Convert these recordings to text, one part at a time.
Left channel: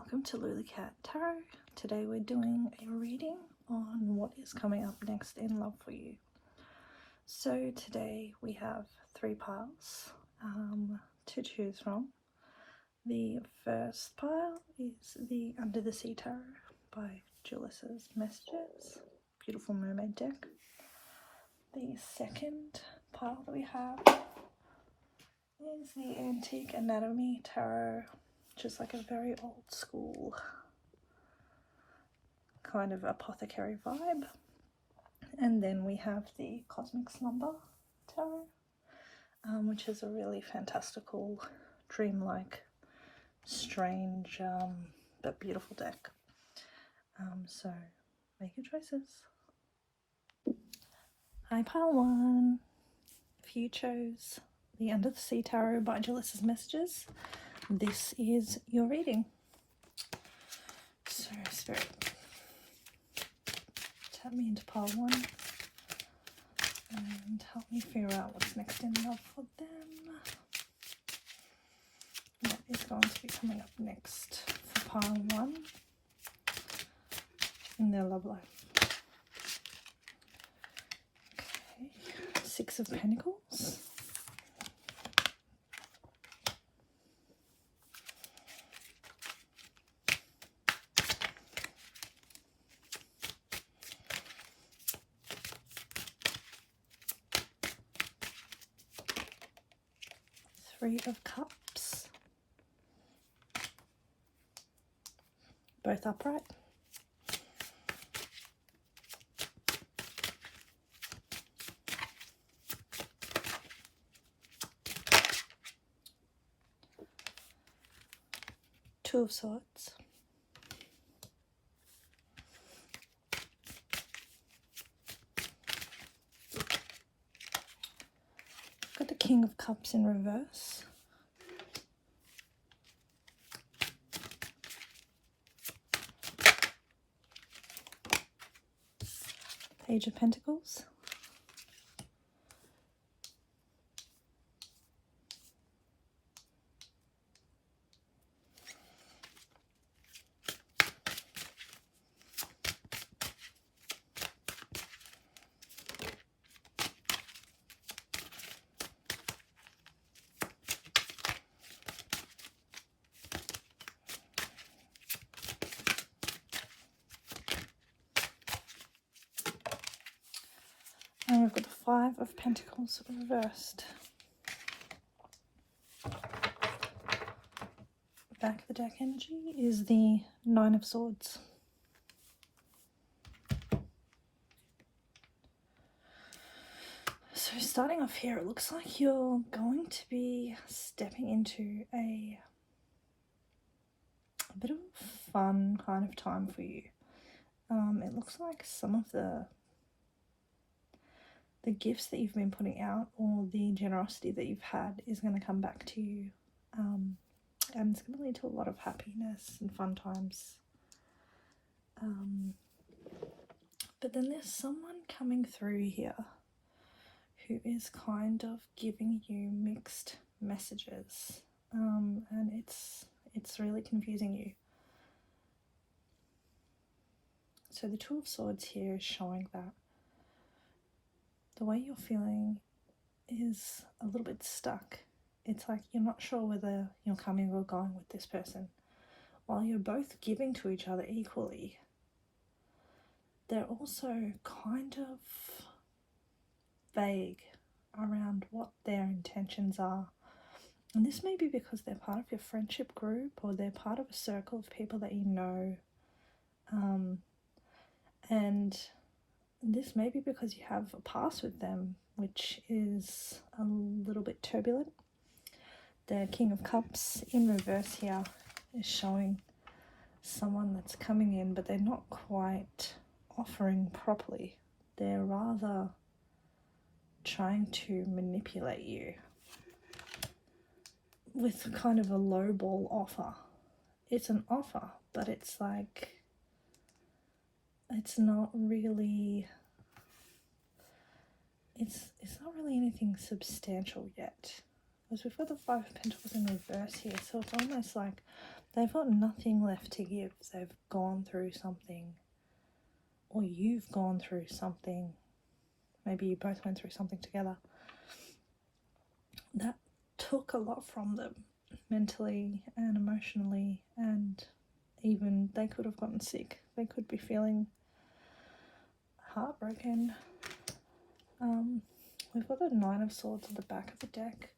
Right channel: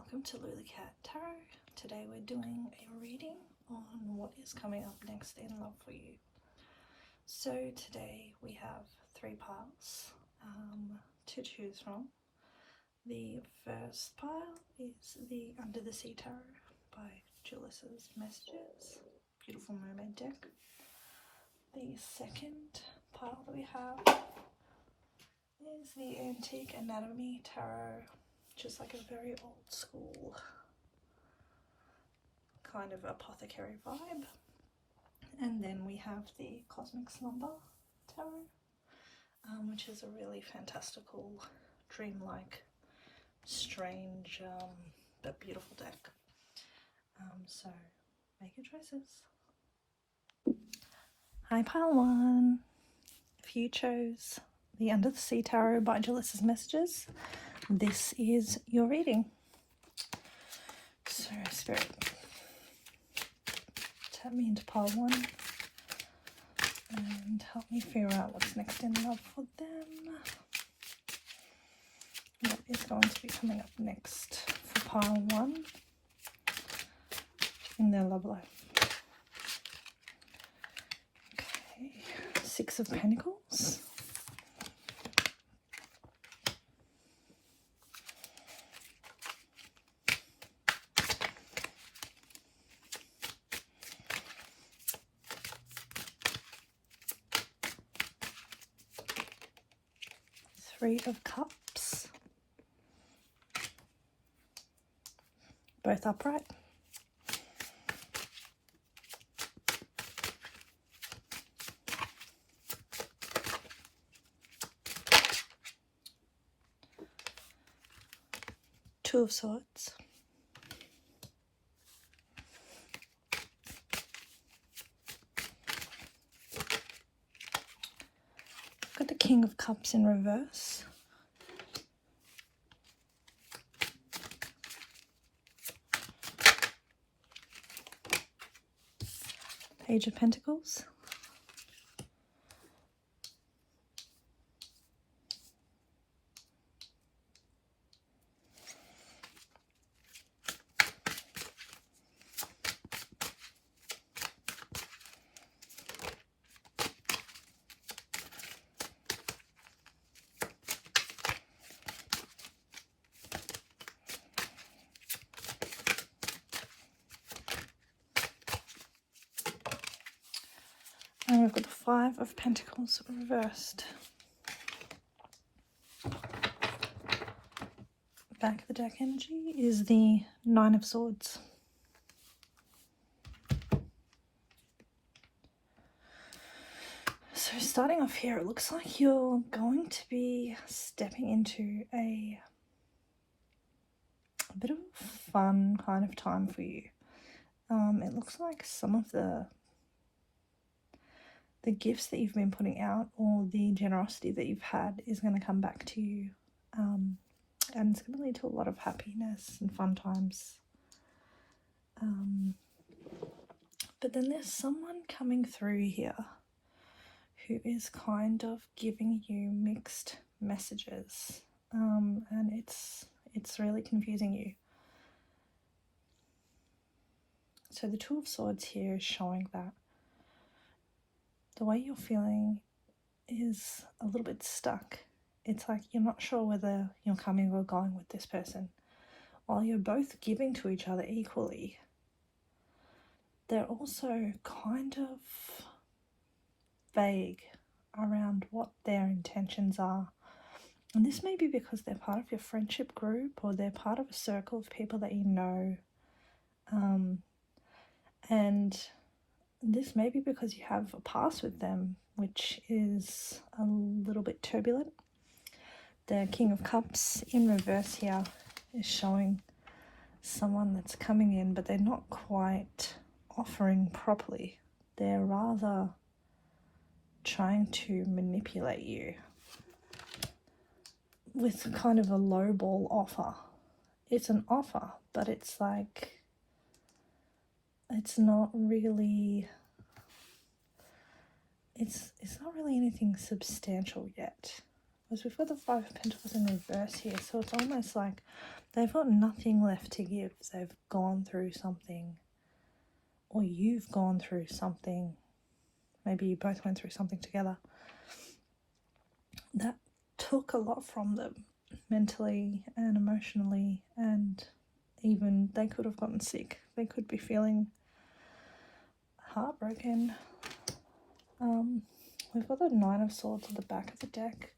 welcome to Luli Tarot. Today we're doing a reading on what is coming up next in love for you. So today we have three piles to choose from. The first pile is the Under the Sea Tarot by Julis's Messages, beautiful mermaid deck. The second pile that we have is the Antique Anatomy Tarot, which is like a very old school kind of apothecary vibe. And then we have the Cosmic Slumber Tarot, which is a really fantastical, dreamlike, strange, but beautiful deck. So make your choices. Hi pile one. If you chose the Under the Sea Tarot by Julis's Messages, this is your reading. So Spirit, tap me into pile one and help me figure out what's next in love for them. What is going to be coming up next for pile one in their love life? Okay, Six of Pentacles. Three of Cups, both upright. Two of Swords. Got the King of Cups in reverse. Page of Pentacles. And we've got the Five of Pentacles reversed. Back of the deck energy is the Nine of Swords. So starting off here, it looks like you're going to be stepping into a bit of a fun kind of time for you. It looks like some of the gifts that you've been putting out, or the generosity that you've had, is going to come back to you, and it's going to lead to a lot of happiness and fun times. But then there's someone coming through here who is kind of giving you mixed messages, and it's really confusing you. So the Two of Swords here is showing that the way you're feeling is a little bit stuck. It's like you're not sure whether you're coming or going with this person. While you're both giving to each other equally, they're also kind of vague around what their intentions are. And this may be because they're part of your friendship group, or they're part of a circle of people that you know. And this may be because you have a past with them, which is a little bit turbulent. The King of Cups in reverse here is showing someone that's coming in, but they're not quite offering properly. They're rather trying to manipulate you with kind of a lowball offer. It's an offer, but it's like, it's not really, it's not really anything substantial yet. Because we've got the Five of Pentacles in reverse here, so it's almost like They've got nothing left to give. They've gone through something, or you've gone through something. Maybe you both went through something together that took a lot from them, mentally and emotionally, and even they could have gotten sick. They could be feeling heartbroken. We've got the Nine of Swords at the back of the deck,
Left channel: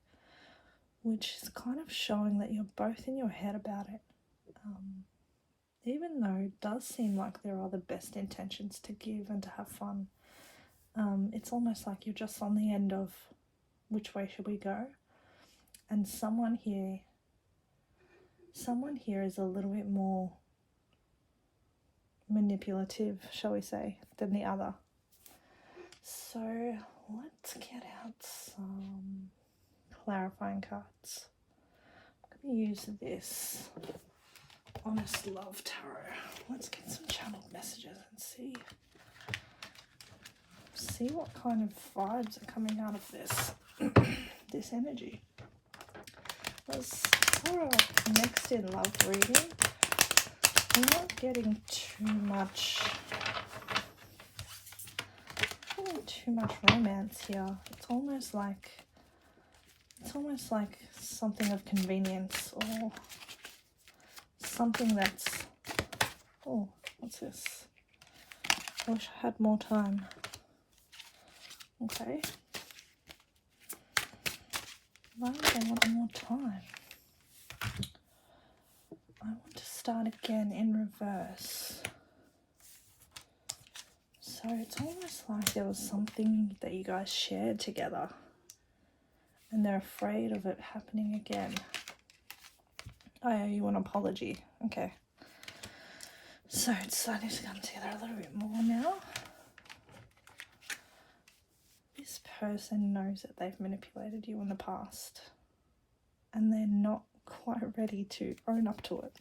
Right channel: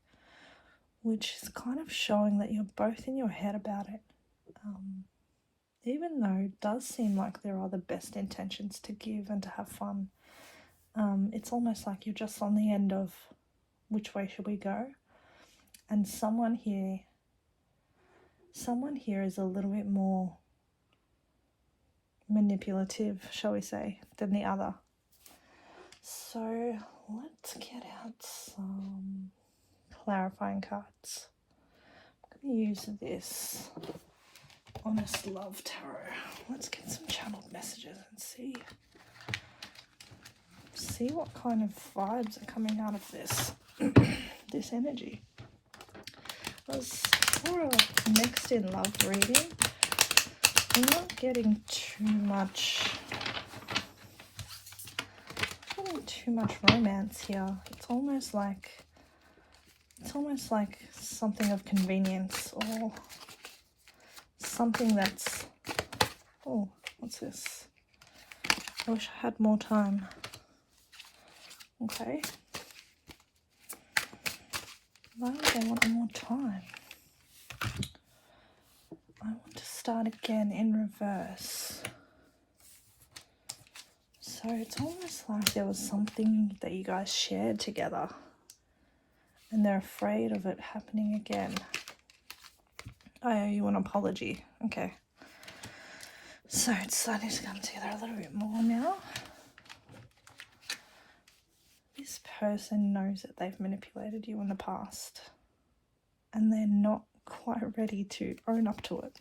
which is kind of showing that you're both in your head about it. Even though it does seem like there are the best intentions to give and to have fun, it's almost like you're just on the end of which way should we go. And someone here is a little bit more manipulative, shall we say, than the other. So let's get out some clarifying cards. I'm going to use this Honest Love Tarot. Let's get some channeled messages and see what kind of vibes are coming out of this this energy. For a next in love reading, I'm not getting too much romance here. It's almost like something of convenience, or something that's, oh, what's this? I wish I had more time. Okay. Well, I want more time. I want to start again in reverse. So it's almost like there was something that you guys shared together and they're afraid of it happening again. I owe you an apology. Okay. So it's starting to come together a little bit more now. This person knows that they've manipulated you in the past and they're not quite ready to own up to it.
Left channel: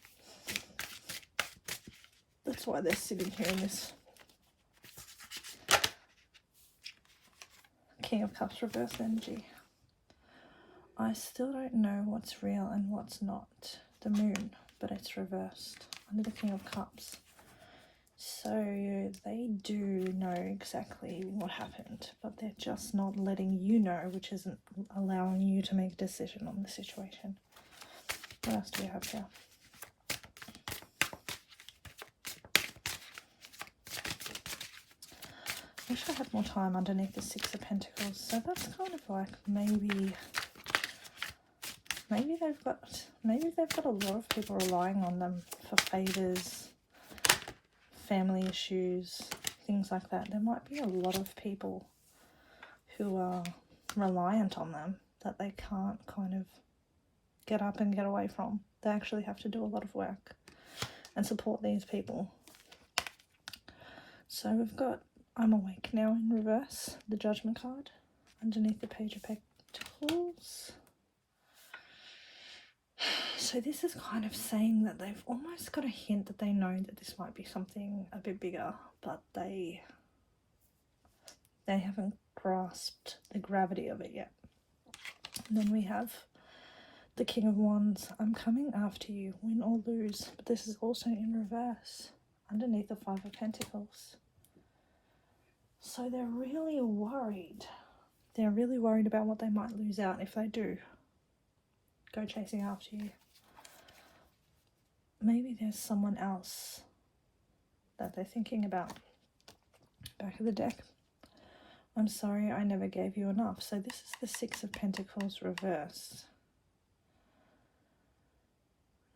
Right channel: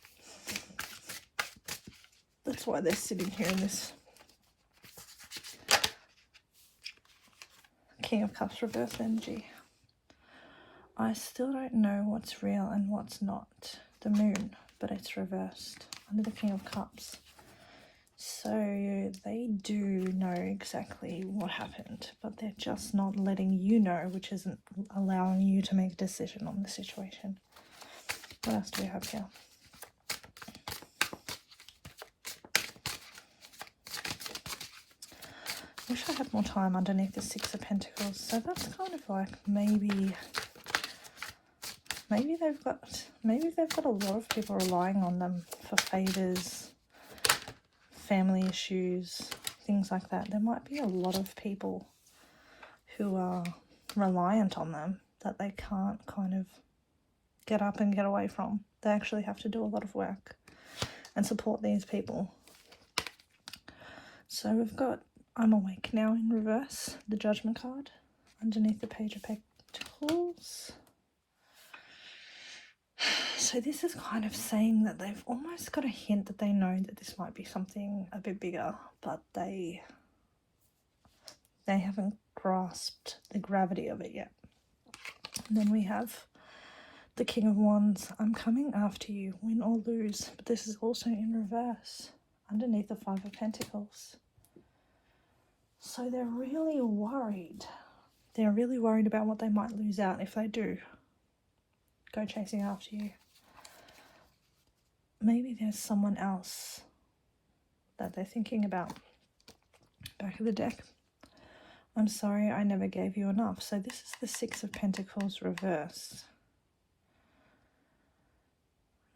That's why they're sitting here in this King of Cups reverse energy. I still don't know what's real and what's not. The moon, but it's reversed under the King of Cups. So they do know exactly what happened, but they're just not letting you know, which isn't allowing you to make a decision on the situation. What else do we have here? I wish I had more time underneath the Six of Pentacles. So that's kind of like maybe they've got a lot of people relying on them for favors, family issues, things like that. There might be a lot of people who are reliant on them that they can't kind of get up and get away from. They actually have to do a lot of work and support these people. So we've got I'm Awake Now in reverse, the Judgment card, underneath the Page of Pentacles. So this is kind of saying that they've almost got a hint that they know that this might be something a bit bigger, but they haven't grasped the gravity of it yet. And then we have the King of Wands. I'm coming after you, win or lose. But this is also in reverse, underneath the Five of Pentacles. So they're really worried. They're really worried about what they might lose out if they do go chasing after you. Maybe there's someone else that they're thinking about. Back of the deck. I'm sorry I never gave you enough. So this is the Six of Pentacles reverse.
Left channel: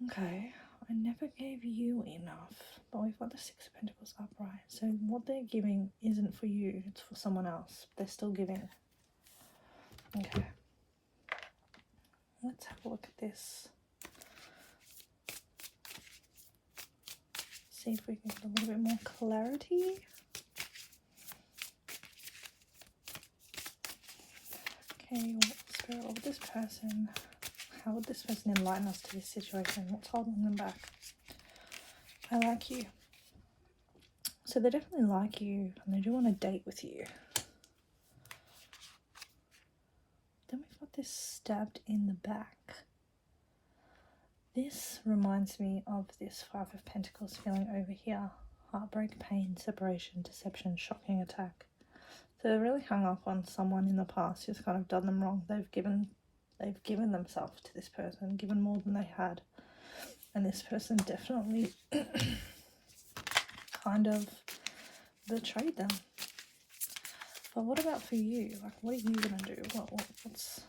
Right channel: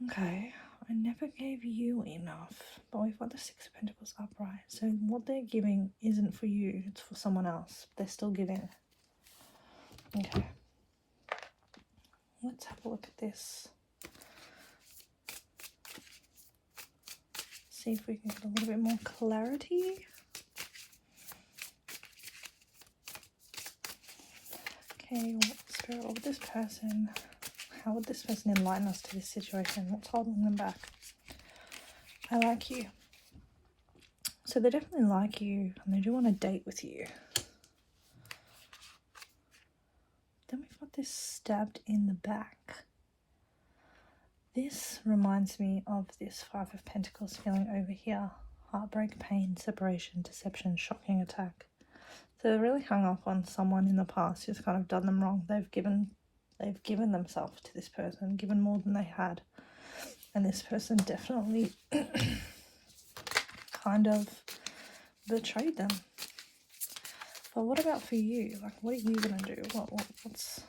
Okay, I never gave you enough. But we've got the Six of Pentacles upright. So what they're giving isn't for you, it's for someone else. They're still giving. Okay. Let's have a look at this. See if we can get a little bit more clarity. Okay, Spirit, what would this person, how would this person enlighten us to this situation? What's holding them back? I like you. So they definitely like you and they do want to date with you. Then we've got this stabbed in the back. This reminds me of this Five of Pentacles feeling over here. Heartbreak, pain, separation, deception, shocking attack. So they're really hung up on someone in the past who's kind of done them wrong. They've given themselves to this person, given more than they had. And this person definitely kind of betrayed them. But what about for you? Like, what are you going to do? What's...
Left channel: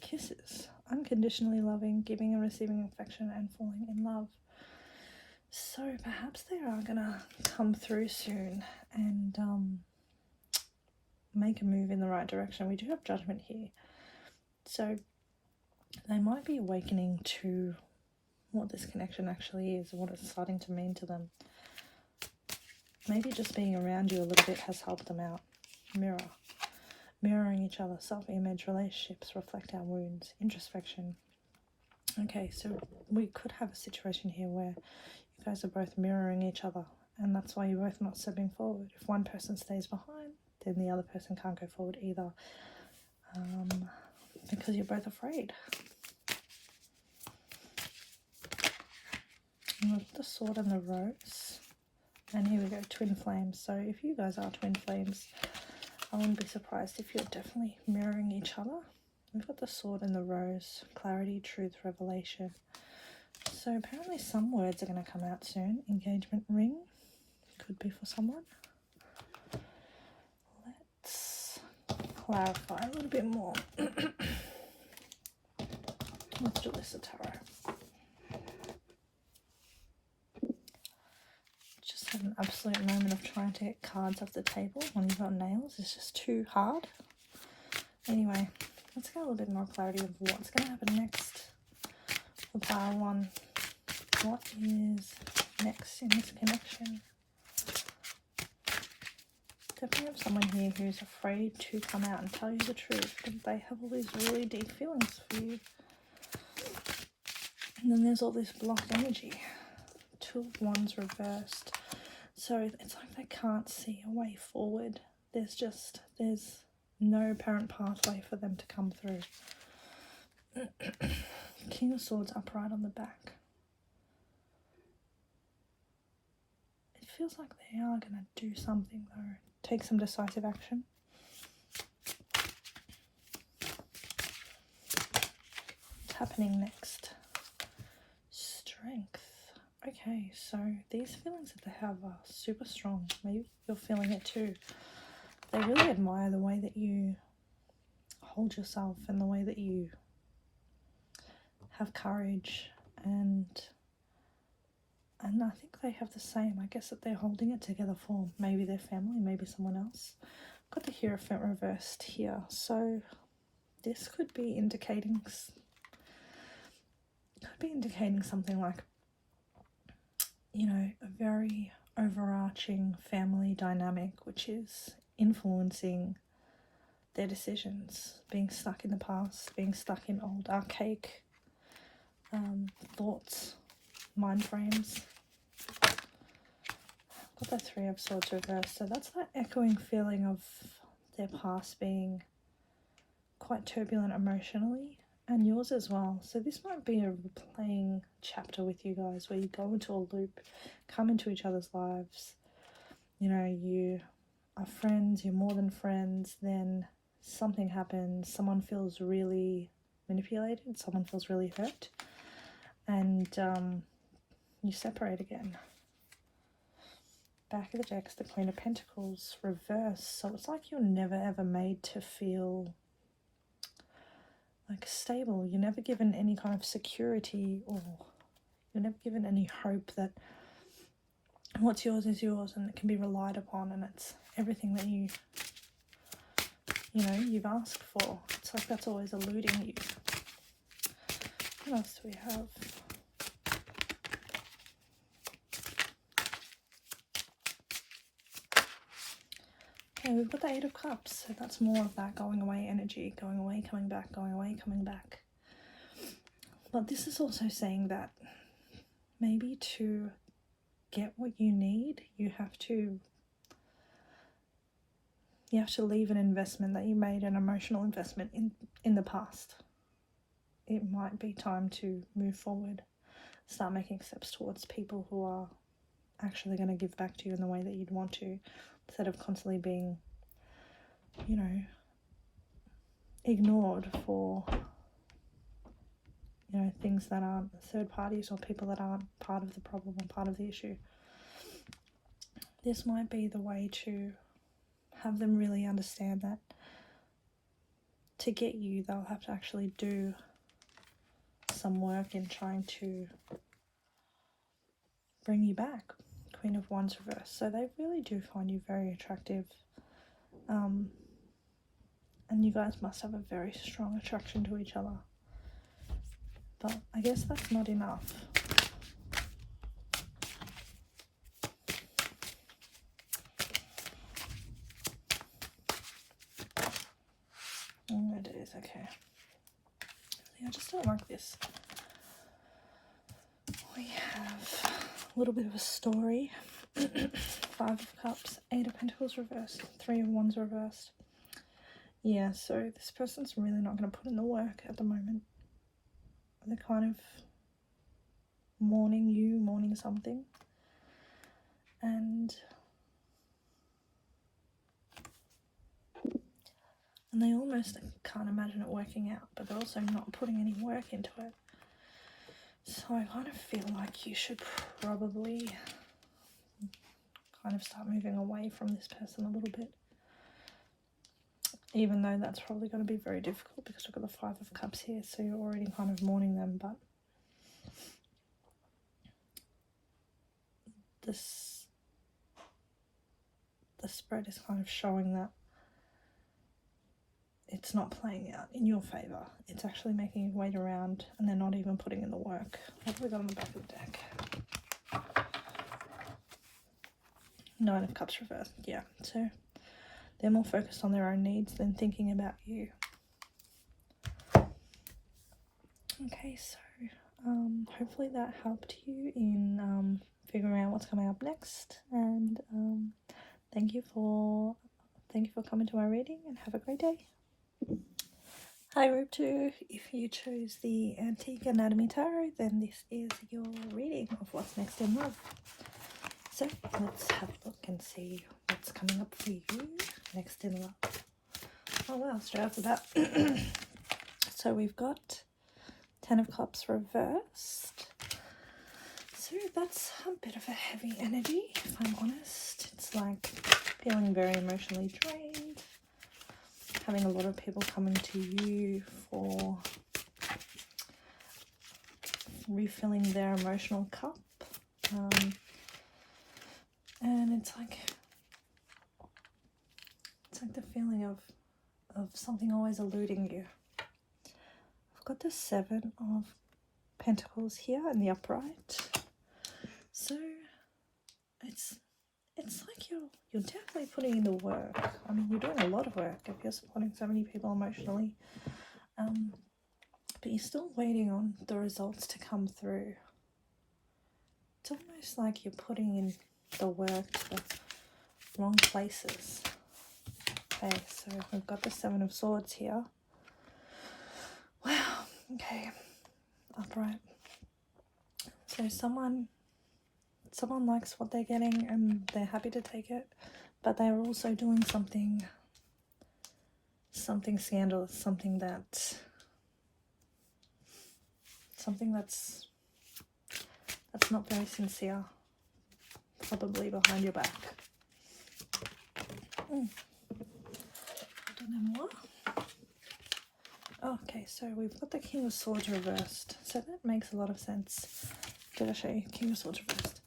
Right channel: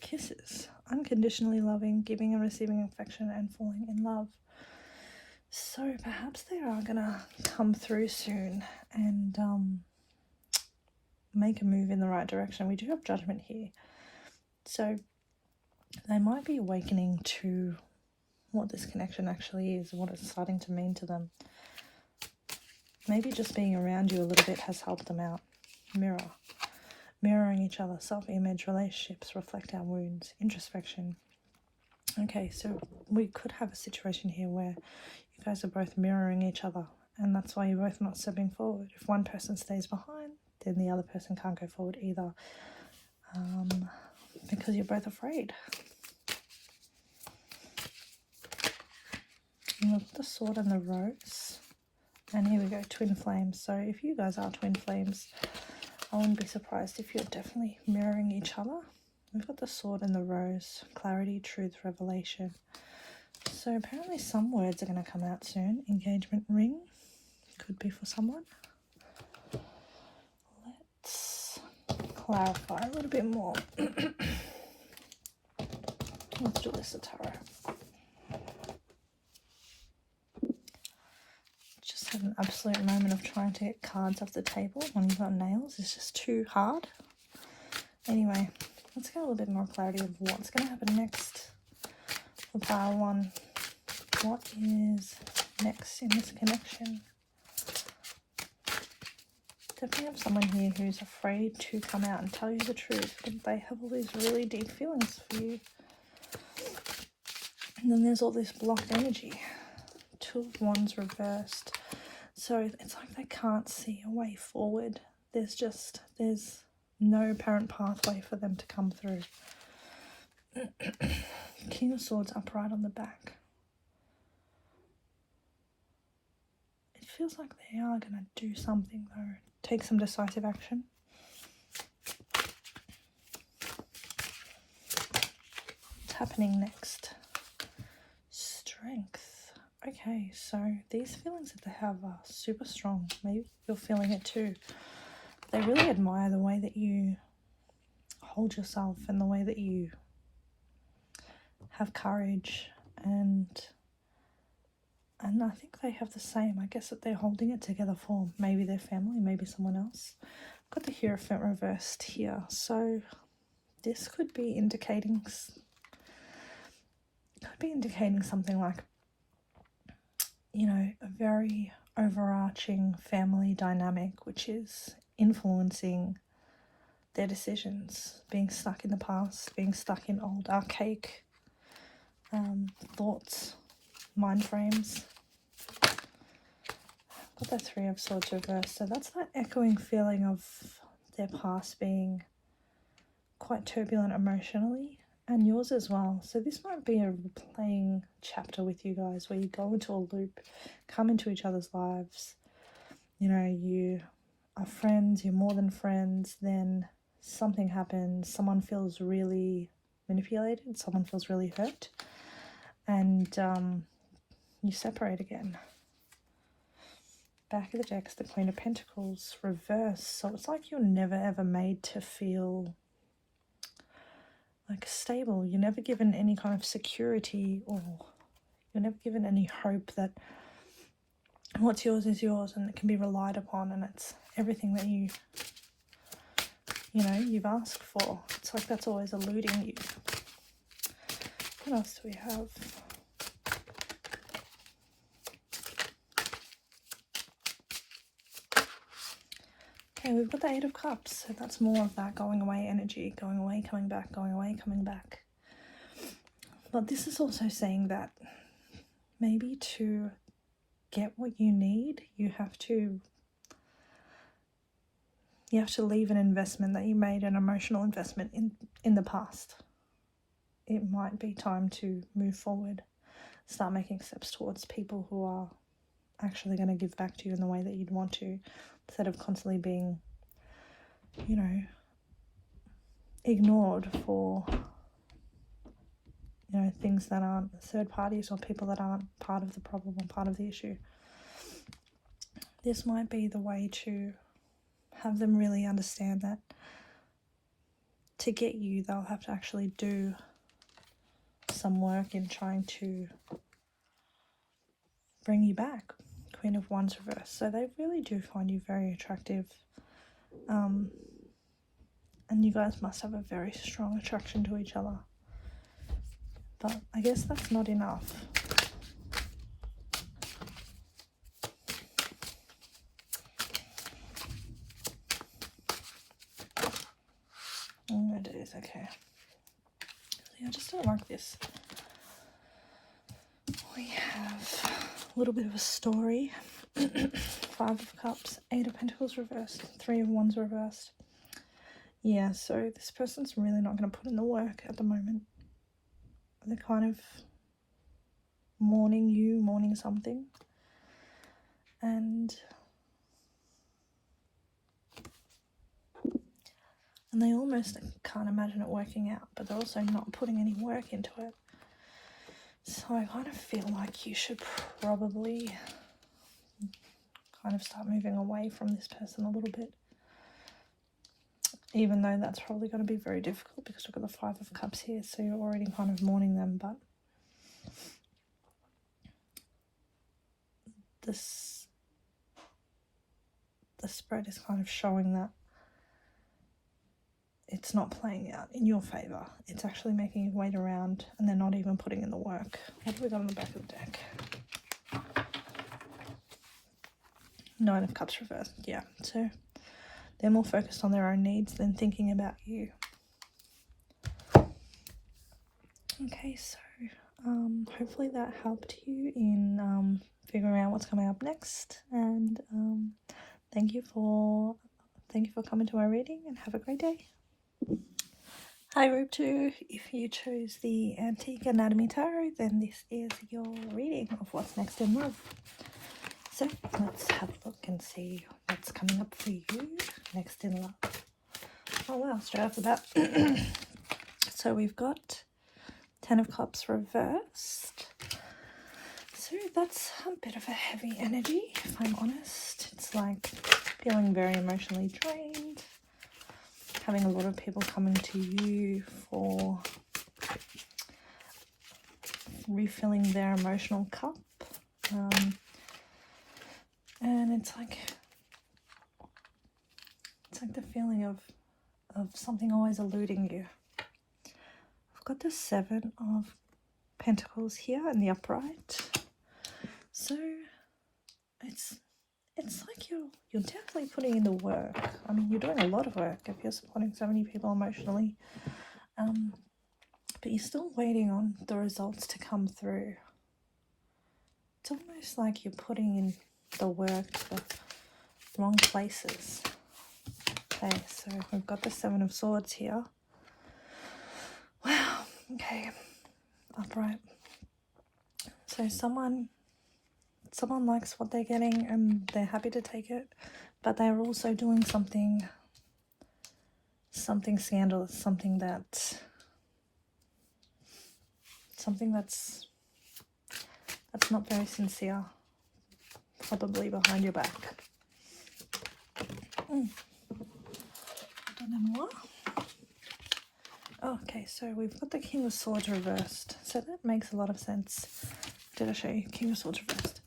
Kisses. Unconditionally loving, giving and receiving affection, and falling in love. So perhaps they are going to come through soon and make a move in the right direction. We do have Judgment here. So they might be awakening to what this connection actually is, what it's starting to mean to them. Maybe just being around you a little bit has helped them out. Mirroring each other, self-image, relationships, reflect our wounds, introspection. Okay, so we could have a situation here where you guys are both mirroring each other, and that's why you're both not stepping forward. If one person stays behind, then the other person can't go forward either, because you're both afraid. And look at the sword and the rose, and here we go, twin flames. So if you guys are twin flames, I wouldn't be surprised if you're definitely mirroring each other. We've got the sword and the rose, clarity, truth, revelation. So apparently some words are going to come out soon. Engagement ring could be for someone. Let's clarify a little bit more. Let's do this tarot. Just an absolute moment of trying to get cards off the table when you've got nails. It's just too hard. Anyway, let's get a little bit more clarity of what's going to happen next for pile one. What is next in this connection? Definitely have someone here who's afraid to come out and tell you the truth, but they have all these really deep feelings for you. And then there's all this blocked energy. Two of Wands reversed. So it's like they can't see a way forward. There's no apparent pathway for them to come through. King of Swords upright on the back. It feels like they are going to do something though. Take some decisive action. What's happening next? Strength. Okay, so these feelings that they have are super strong. Maybe you're feeling it too. They really admire the way that you hold yourself and the way that you have courage, and I think they have the same. I guess that they're holding it together for maybe their family, maybe someone else. Got the Hierophant reversed here, so this could be indicating something like, you know, a very overarching family dynamic which is influencing their decisions, being stuck in the past, being stuck in old archaic thoughts, mind frames. Got the Three of Swords reversed, so that's that echoing feeling of their past being quite turbulent emotionally, and yours as well. So this might be a replaying chapter with you guys where you go into a loop, come into each other's lives, you know, you are friends, you're more than friends, then something happens, someone feels really manipulated, someone feels really hurt, and you separate again. Back of the deck is the Queen of Pentacles reversed, so it's like you're never ever made to feel like stable. You're never given any kind of security, or you're never given any hope that what's yours is yours and it can be relied upon, and it's everything that you know you've asked for. It's like that's always eluding you. What else do we have? Okay, we've got the Eight of Cups, so that's more of that going away energy, going away, coming back, going away, coming back. But this is also saying that maybe to get what you need, you have to leave an investment that you made, an emotional investment in the past. it might be time to move forward, start making steps towards people who are actually going to give back to you in the way that you'd want to, instead of constantly being, you know, ignored for, you know, things that aren't third parties or people that aren't part of the problem or part of the issue. This might be the way to have them really understand that to get you, they'll have to actually do some work in trying to bring you back. Queen of Wands reversed. So they really do find you very attractive. And you guys must have a very strong attraction to each other. But I guess that's not enough. Oh, it is, okay. Yeah, I just don't like this. We have a little bit of a story. 5 of Cups, 8 of Pentacles reversed, 3 of Wands reversed. Yeah, so this person's really not going to put in the work at the moment. They're kind of mourning you, mourning something. And they almost can't imagine it working out, but they're also not putting any work into it. So I kind of feel like you should probably kind of start moving away from this person a little bit. Even though that's probably going to be very difficult because we've got the 5 of Cups here, so you're already kind of mourning them, but the spread is kind of showing that it's not playing out in your favour. It's actually making you wait around and they're not even putting in the work. What have we got on the back of the deck? 9 of Cups reversed. Yeah, so they're more focused on their own needs than thinking about you. Okay, so hopefully that helped you in figuring out what's coming up next. And thank you for coming to my reading, and have a great day. Hi Group 2, if you chose the Antique Anatomy Tarot, then this is your reading of what's next in love. So let's have a look and see what's coming up for you next in love. Oh wow, straight after that. So we've got 10 of Cups reversed. So that's a bit of a heavy energy, if I'm honest. It's like feeling very emotionally drained. Having a lot of people coming to you for refilling their emotional cup. And it's like the feeling of something always eluding you. I've got the 7 of Pentacles here in the upright. So it's like you're definitely putting in the work. I mean, you're doing a lot of work if you're supporting so many people emotionally. But you're still waiting on the results to come through. It's almost like you're putting in the work but wrong places. Okay, so we've got the 7 of Swords here. Wow, okay, upright. So someone likes what they're getting and they're happy to take it, but they're also doing something scandalous, something that's not very sincere, probably behind your back. I don't know more. Okay, so we've got the King of Swords reversed, so that makes a lot of sense. Did I show you King of Swords reversed?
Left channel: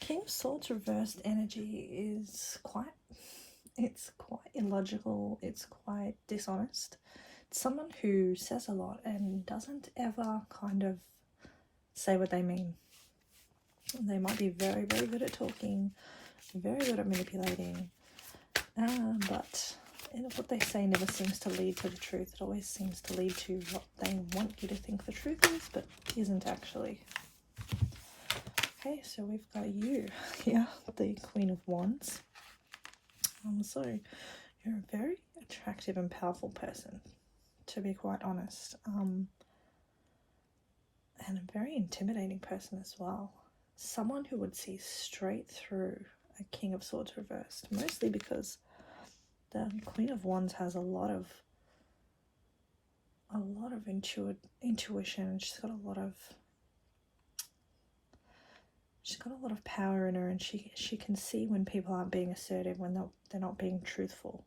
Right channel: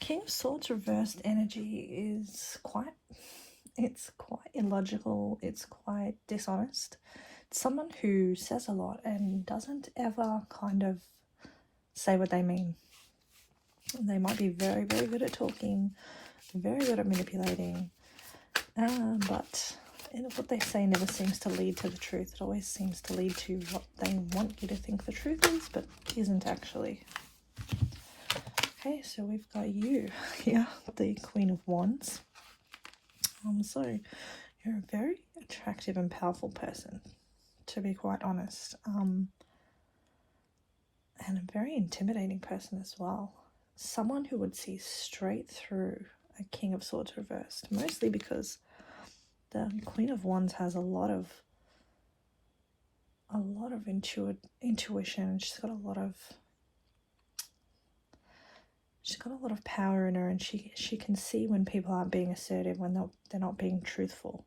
King of Swords reversed energy is quite illogical, it's quite dishonest. It's someone who says a lot and doesn't ever kind of say what they mean. They might be very, very good at talking, very good at manipulating, but what they say never seems to lead to the truth. It always seems to lead to what they want you to think the truth is, but isn't actually. Okay, so we've got you here, the Queen of Wands. So you're a very attractive and powerful person, to be quite honest. And a very intimidating person as well. Someone who would see straight through a King of Swords reversed, mostly because the Queen of Wands has a lot of intuition. She's got a lot of power in her, and she can see when people aren't being assertive, when they're not being truthful.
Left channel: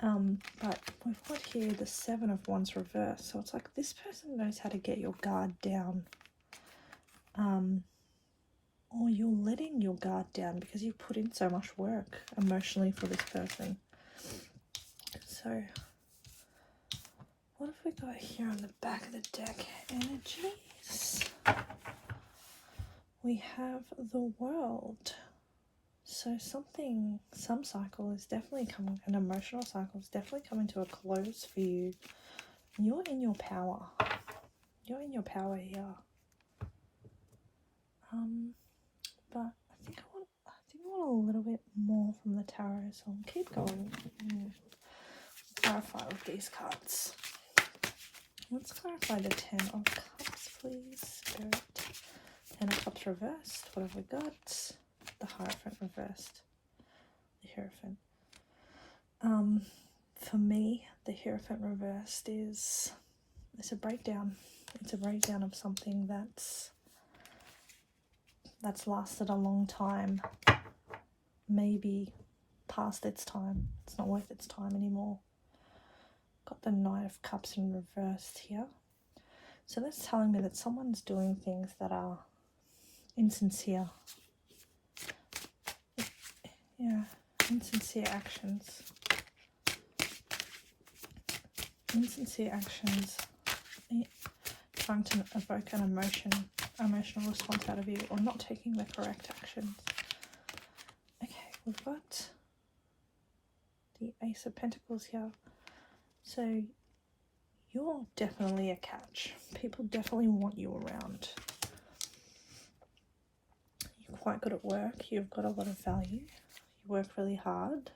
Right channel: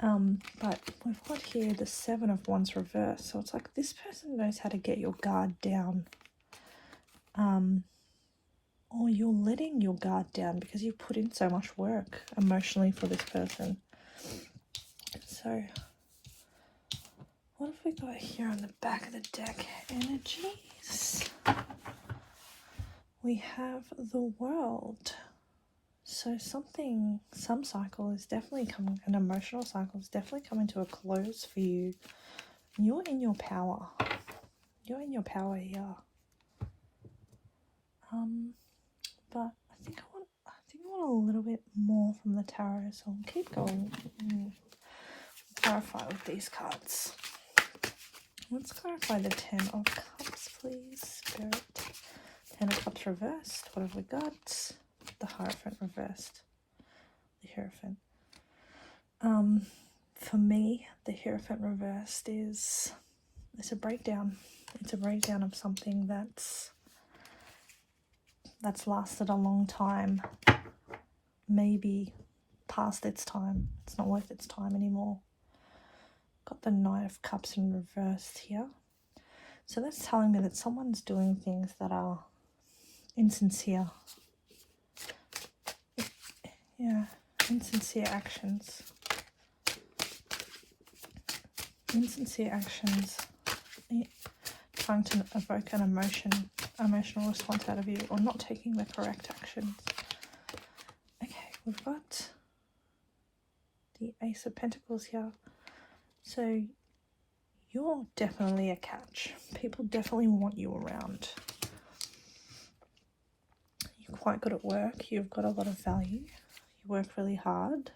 But we've got here the Seven of Wands reversed, so it's like this person knows how to get your guard down, or you're letting your guard down because you've put in so much work emotionally for this person. So what have we got here on the back of the deck? Energies. We have the World. So some cycle is definitely coming, an emotional cycle is definitely coming to a close for you. You're in your power. You're in your power here. But I think I want a little bit more from the tarot, so I'll keep going and clarify with these cards. Let's clarify the Ten of Cups, please, Spirit. Ten of Cups reversed. What have we got? The Hierophant reversed. The Hierophant. For me, the Hierophant reversed it's a breakdown. It's a breakdown of something that's lasted a long time, maybe past its time. It's not worth its time anymore. Got the Knight of Cups in reverse here. So that's telling me that someone's doing things that are insincere. Yeah, insincere actions. Insincere actions. Trying to evoke an emotional response out of you, or not taking the correct actions. Okay, we've got the Ace of Pentacles here. So you're definitely a catch. People definitely want you around. You're quite good at work. You've got a lot of value. You work really hard.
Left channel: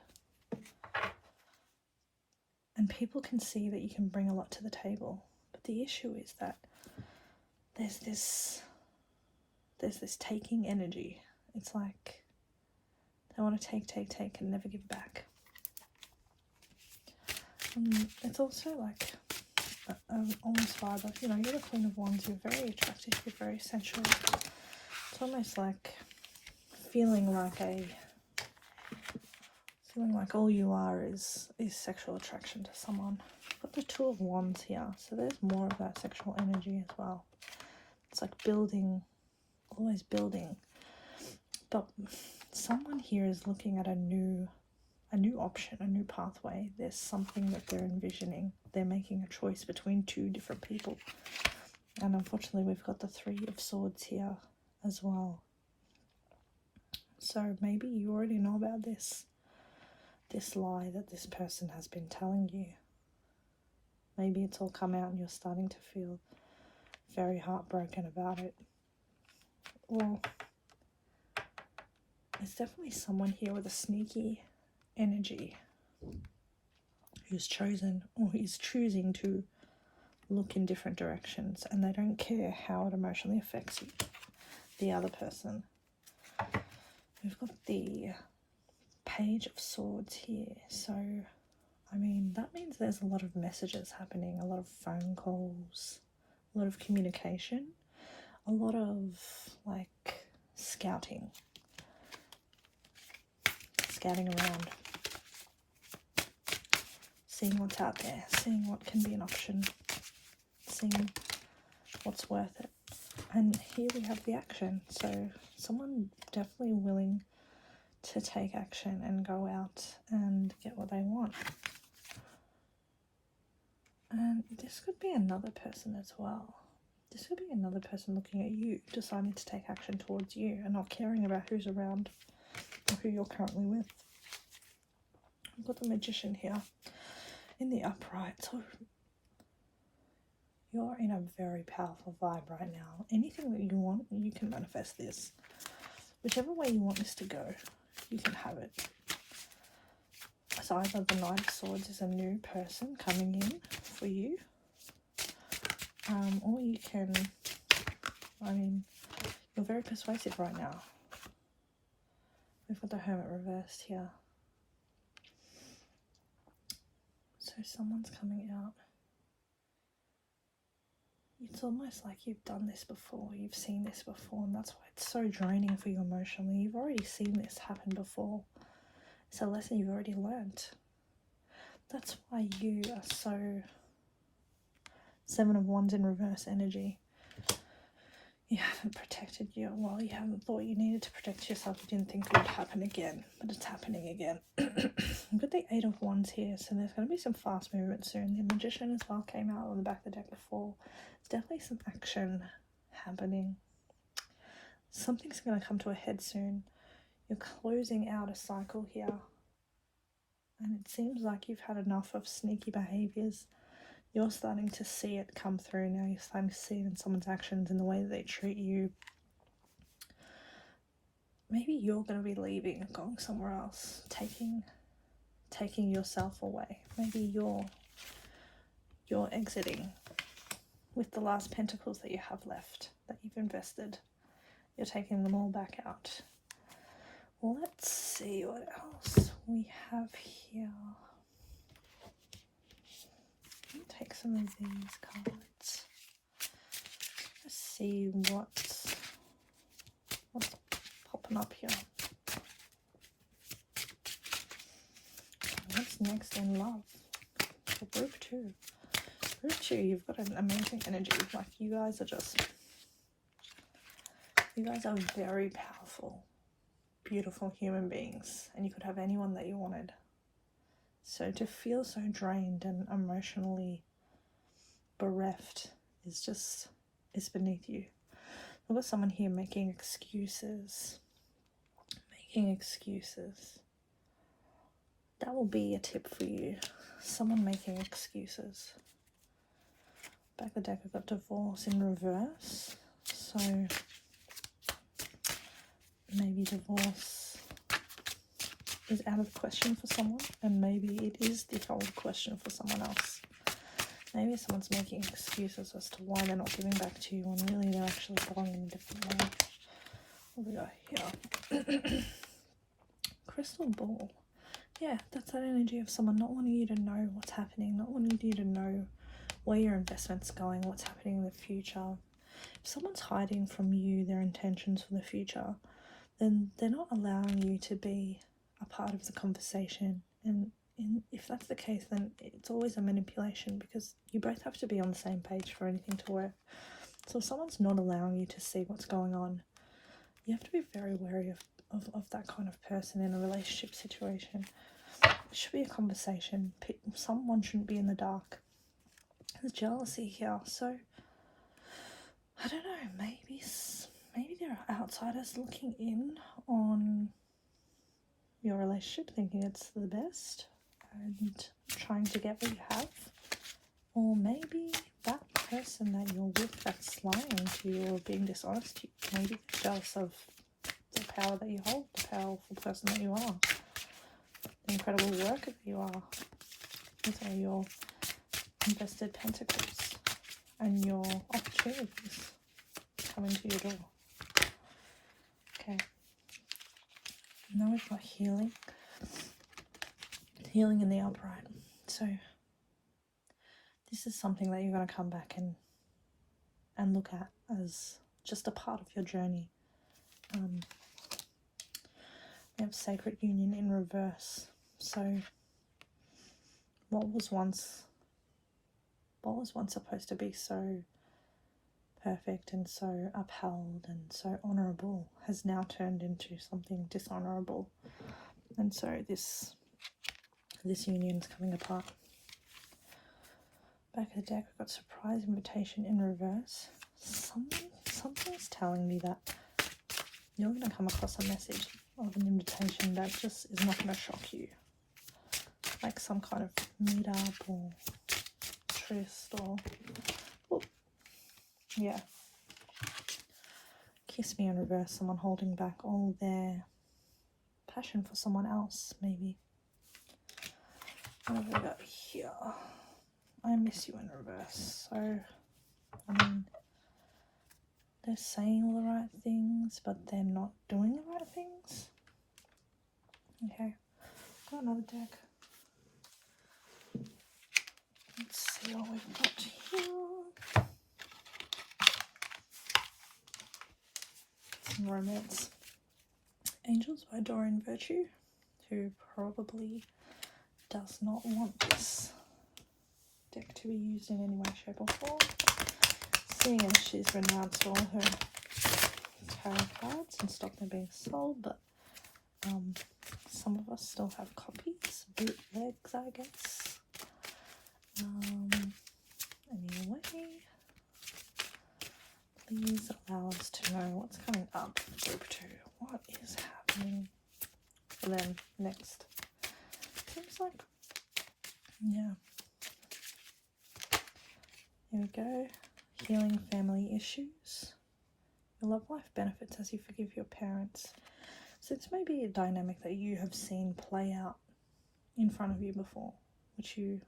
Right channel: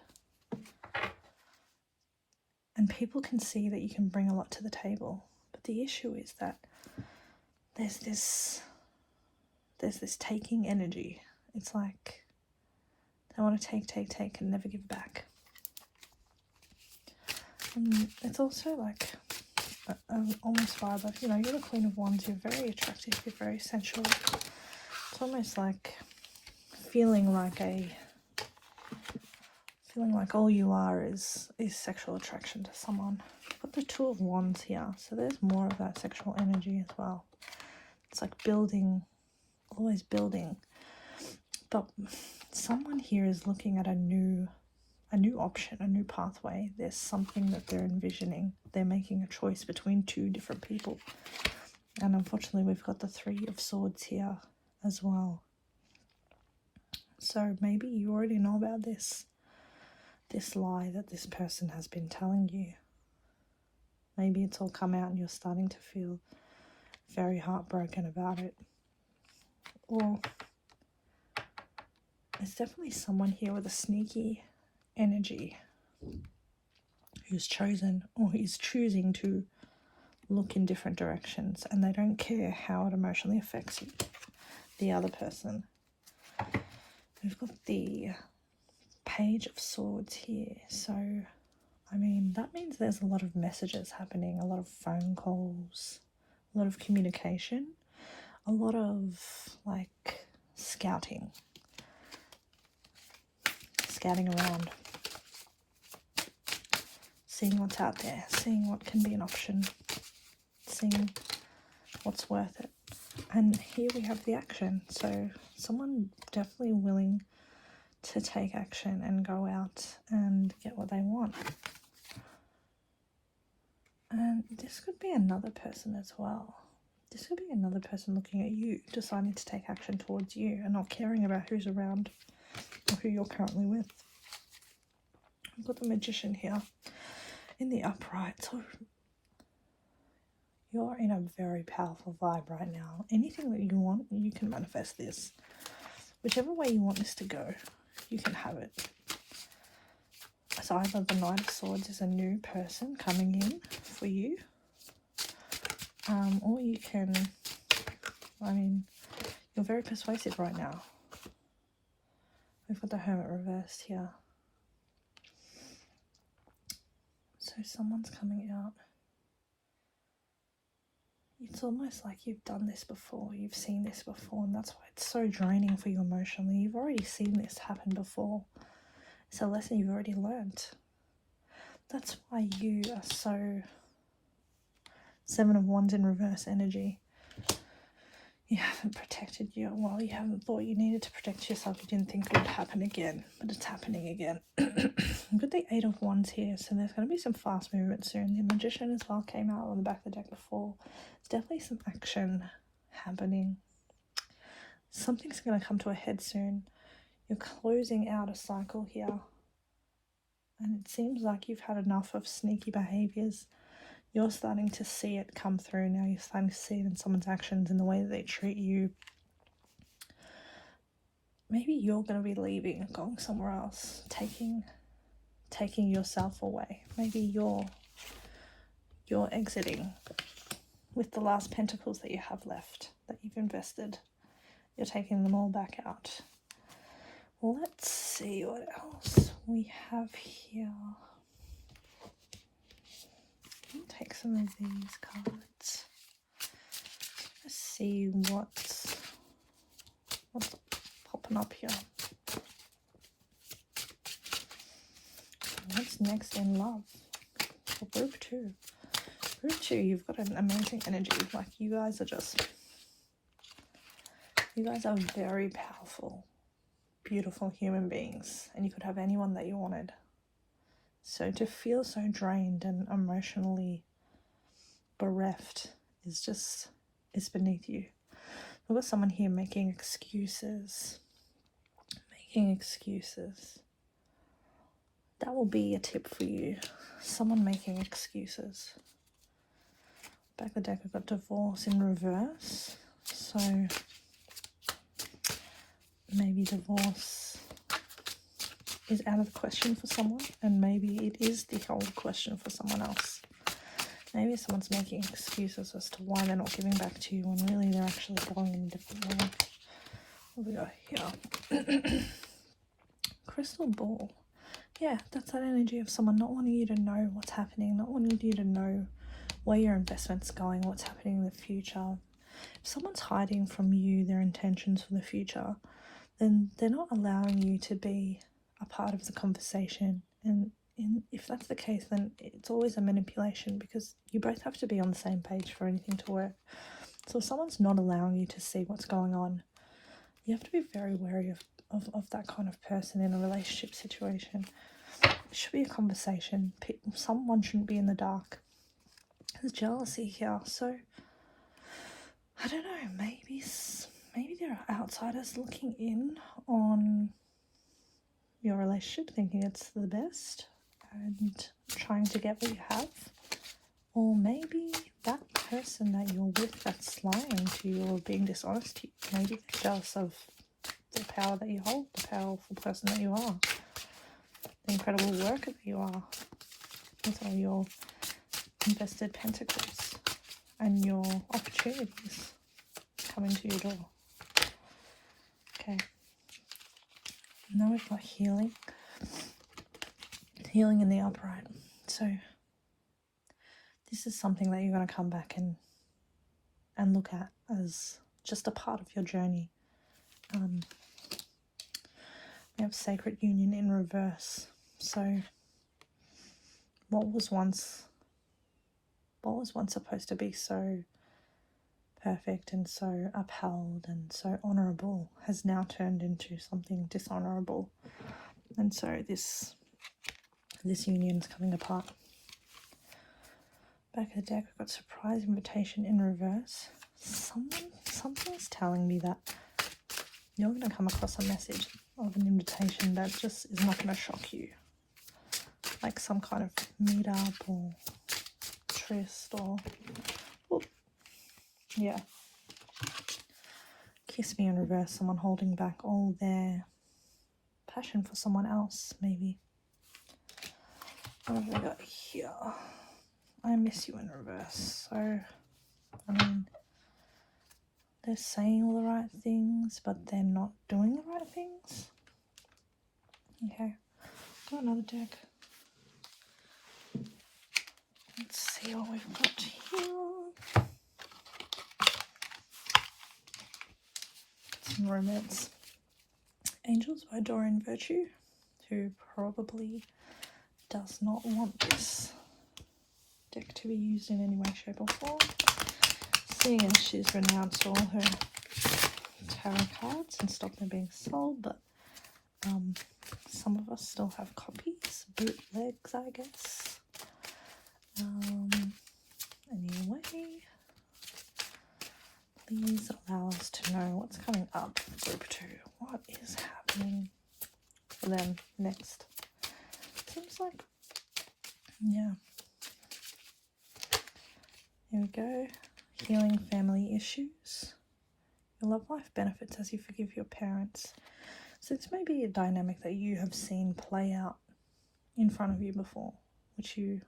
And people can see that you can bring a lot to the table. But the issue is that there's this taking energy. It's like they want to take and never give back. It's also like almost vibe of, you know, you're the Queen of Wands, you're very attractive, you're very sensual. It's almost like feeling like all you are is sexual attraction to someone. I've got the Two of Wands here, so there's more of that sexual energy as well. It's like building, always building. But someone here is looking at a new option, a new pathway. There's something that they're envisioning. They're making a choice between two different people. And unfortunately, we've got the Three of Swords here as well. So maybe you already know about this lie that this person has been telling you. Maybe it's all come out and you're starting to feel very heartbroken about it. Or there's definitely someone here with a sneaky energy who's chosen or is choosing to look in different directions, and they don't care how it emotionally affects the other person. We've got the Page of Swords here, so I mean that means there's a lot of messages happening, a lot of phone calls, a lot of communication, a lot of like scouting around, seeing what's out there, seeing what can be an option, seeing what's worth it. And here we have the action. So someone definitely willing to take action and go out and get what they want. And this could be another person as well. This could be another person looking at you, deciding to take action towards you and not caring about who's around or who you're currently with. I've got the Magician here in the upright. So you're in a very powerful vibe right now. Anything that you want, you can manifest this. Whichever way you want this to go, you can have it. So either the Knight of Swords is a new person coming in for you, or you can face it right now. We've got the Hermit reversed here. So someone's coming out. It's almost like you've done this before, you've seen this before, and that's why it's so draining for you emotionally. You've already seen this happen before. It's a lesson you've already learnt. That's why you are so Seven of Wands in reverse energy. You haven't protected you. Well, you haven't thought you needed to protect yourself. You didn't think it would happen again, but it's happening again. You've got the Eight of Wands here, so there's going to be some fast movement soon. The Magician as well came out on the back of the deck before. There's definitely some action happening. Something's going to come to a head soon. You're closing out a cycle here. And it seems like you've had enough of sneaky behaviours. You're starting to see it come through now. You're starting to see it in someone's actions, in the way that they treat you. Maybe you're going to be leaving, going somewhere else, taking yourself away. Maybe you're exiting with the last pentacles that you have left, that you've invested. You're taking them all back out. Let's see what else we have here. Take some of these cards. Let's see what's popping up here. What's next in love? Group 2. Group 2, you've got an amazing energy. Like, you guys are very powerful, beautiful human beings, and you could have anyone that you wanted. So to feel so drained and emotionally bereft is beneath you. We've got someone here making excuses. That will be a tip for you. Someone making excuses. Back of the deck, we've got divorce in reverse. So maybe divorce is out of the question for someone, and maybe it is the old question for someone else. Maybe someone's making excuses as to why they're not giving back to you, when really they're actually going in a different way. What we got here? Crystal ball. Yeah, that's that energy of someone not wanting you to know what's happening, not wanting you to know where your investment's going, what's happening in the future. If someone's hiding from you their intentions for the future, then they're not allowing you to be a part of the conversation. And if that's the case, then it's always a manipulation, because you both have to be on the same page for anything to work. So if someone's not allowing you to see what's going on, you have to be very wary of that kind of person in a relationship situation. It should be a conversation. Someone shouldn't be in the dark. There's jealousy here, so I don't know, maybe there are outsiders looking in on your relationship, thinking it's the best and trying to get what you have. Or maybe that person that you're with that's lying to you or being dishonest to you, maybe they're jealous of the power that you hold, the powerful person that you are, the incredible worker that you are. Also, your invested pentacles and your opportunities coming to your door. Okay. Now we've got healing. Healing in the upright. So this is something that you're going to come back and look at as just a part of your journey. We have sacred union in reverse. So what was once supposed to be so perfect and so upheld and so honourable has now turned into something dishonourable, and so this union's coming apart. Back of the deck, we've got surprise invitation in reverse. Something's telling me that you're going to come across a message of an invitation that just is not going to shock you, like some kind of meet-up or tryst or yeah. Kiss me in reverse, someone holding back all their passion for someone else, maybe. What have we got here? I miss you in reverse. So, they're saying all the right things, but they're not doing the right things. Okay, got another deck. Let's see what we've got here. Some romance. Angels by Doreen Virtue, who probably does not want this deck to be used in any way, shape or form. Seeing as she's renounced all her tarot cards and stopped them being sold, but some of us still have copies, bootlegs, I guess. Anyway, please allow us to know what's coming up for group 2. What is happening for them next? Seems like, yeah. Here we go. Healing family issues. Your love life benefits as you forgive your parents. So this may be a dynamic that you have seen play out in front of you before, which you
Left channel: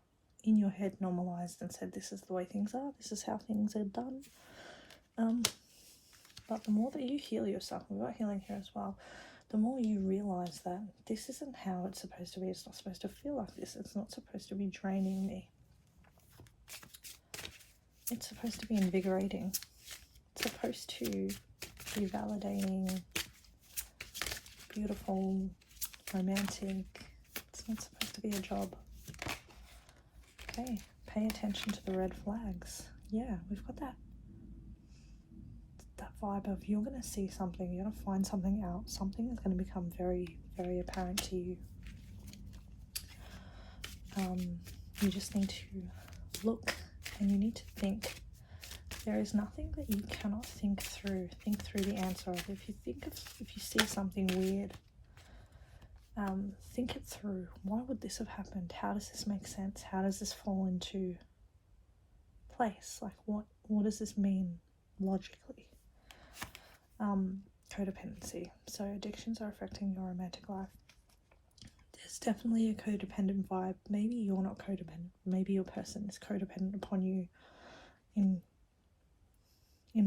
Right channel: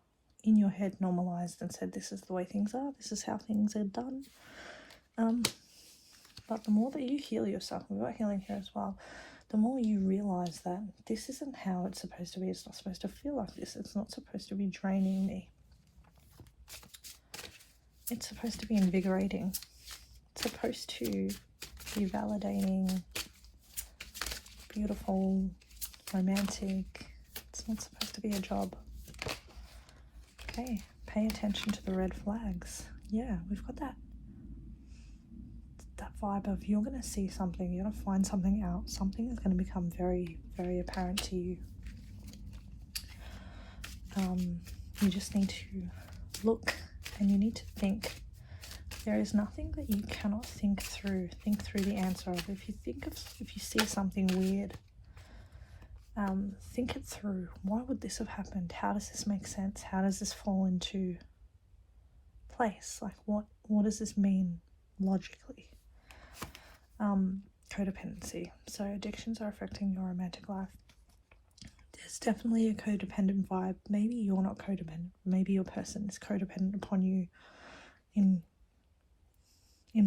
in your head normalized and said, this is the way things are, this is how things are done. But the more that you heal yourself, and we've got healing here as well, the more you realize that this isn't how it's supposed to be. It's not supposed to feel like this. It's not supposed to be draining me. It's supposed to be invigorating. It's supposed to be validating, beautiful, romantic. It's not supposed to be a job. Okay, pay attention to the red flags. Yeah, we've got that vibe of you're going to see something, you're going to find something out, something is going to become very, very apparent to you. You just need to look and you need to think. There is nothing that you cannot think through the answer of. If you see something weird, think it through. Why would this have happened? How does this make sense? How does this fall into place? Like what does this mean logically? Codependency. So addictions are affecting your romantic life. There's definitely a codependent vibe. Maybe you're not codependent. Maybe your person is codependent upon you in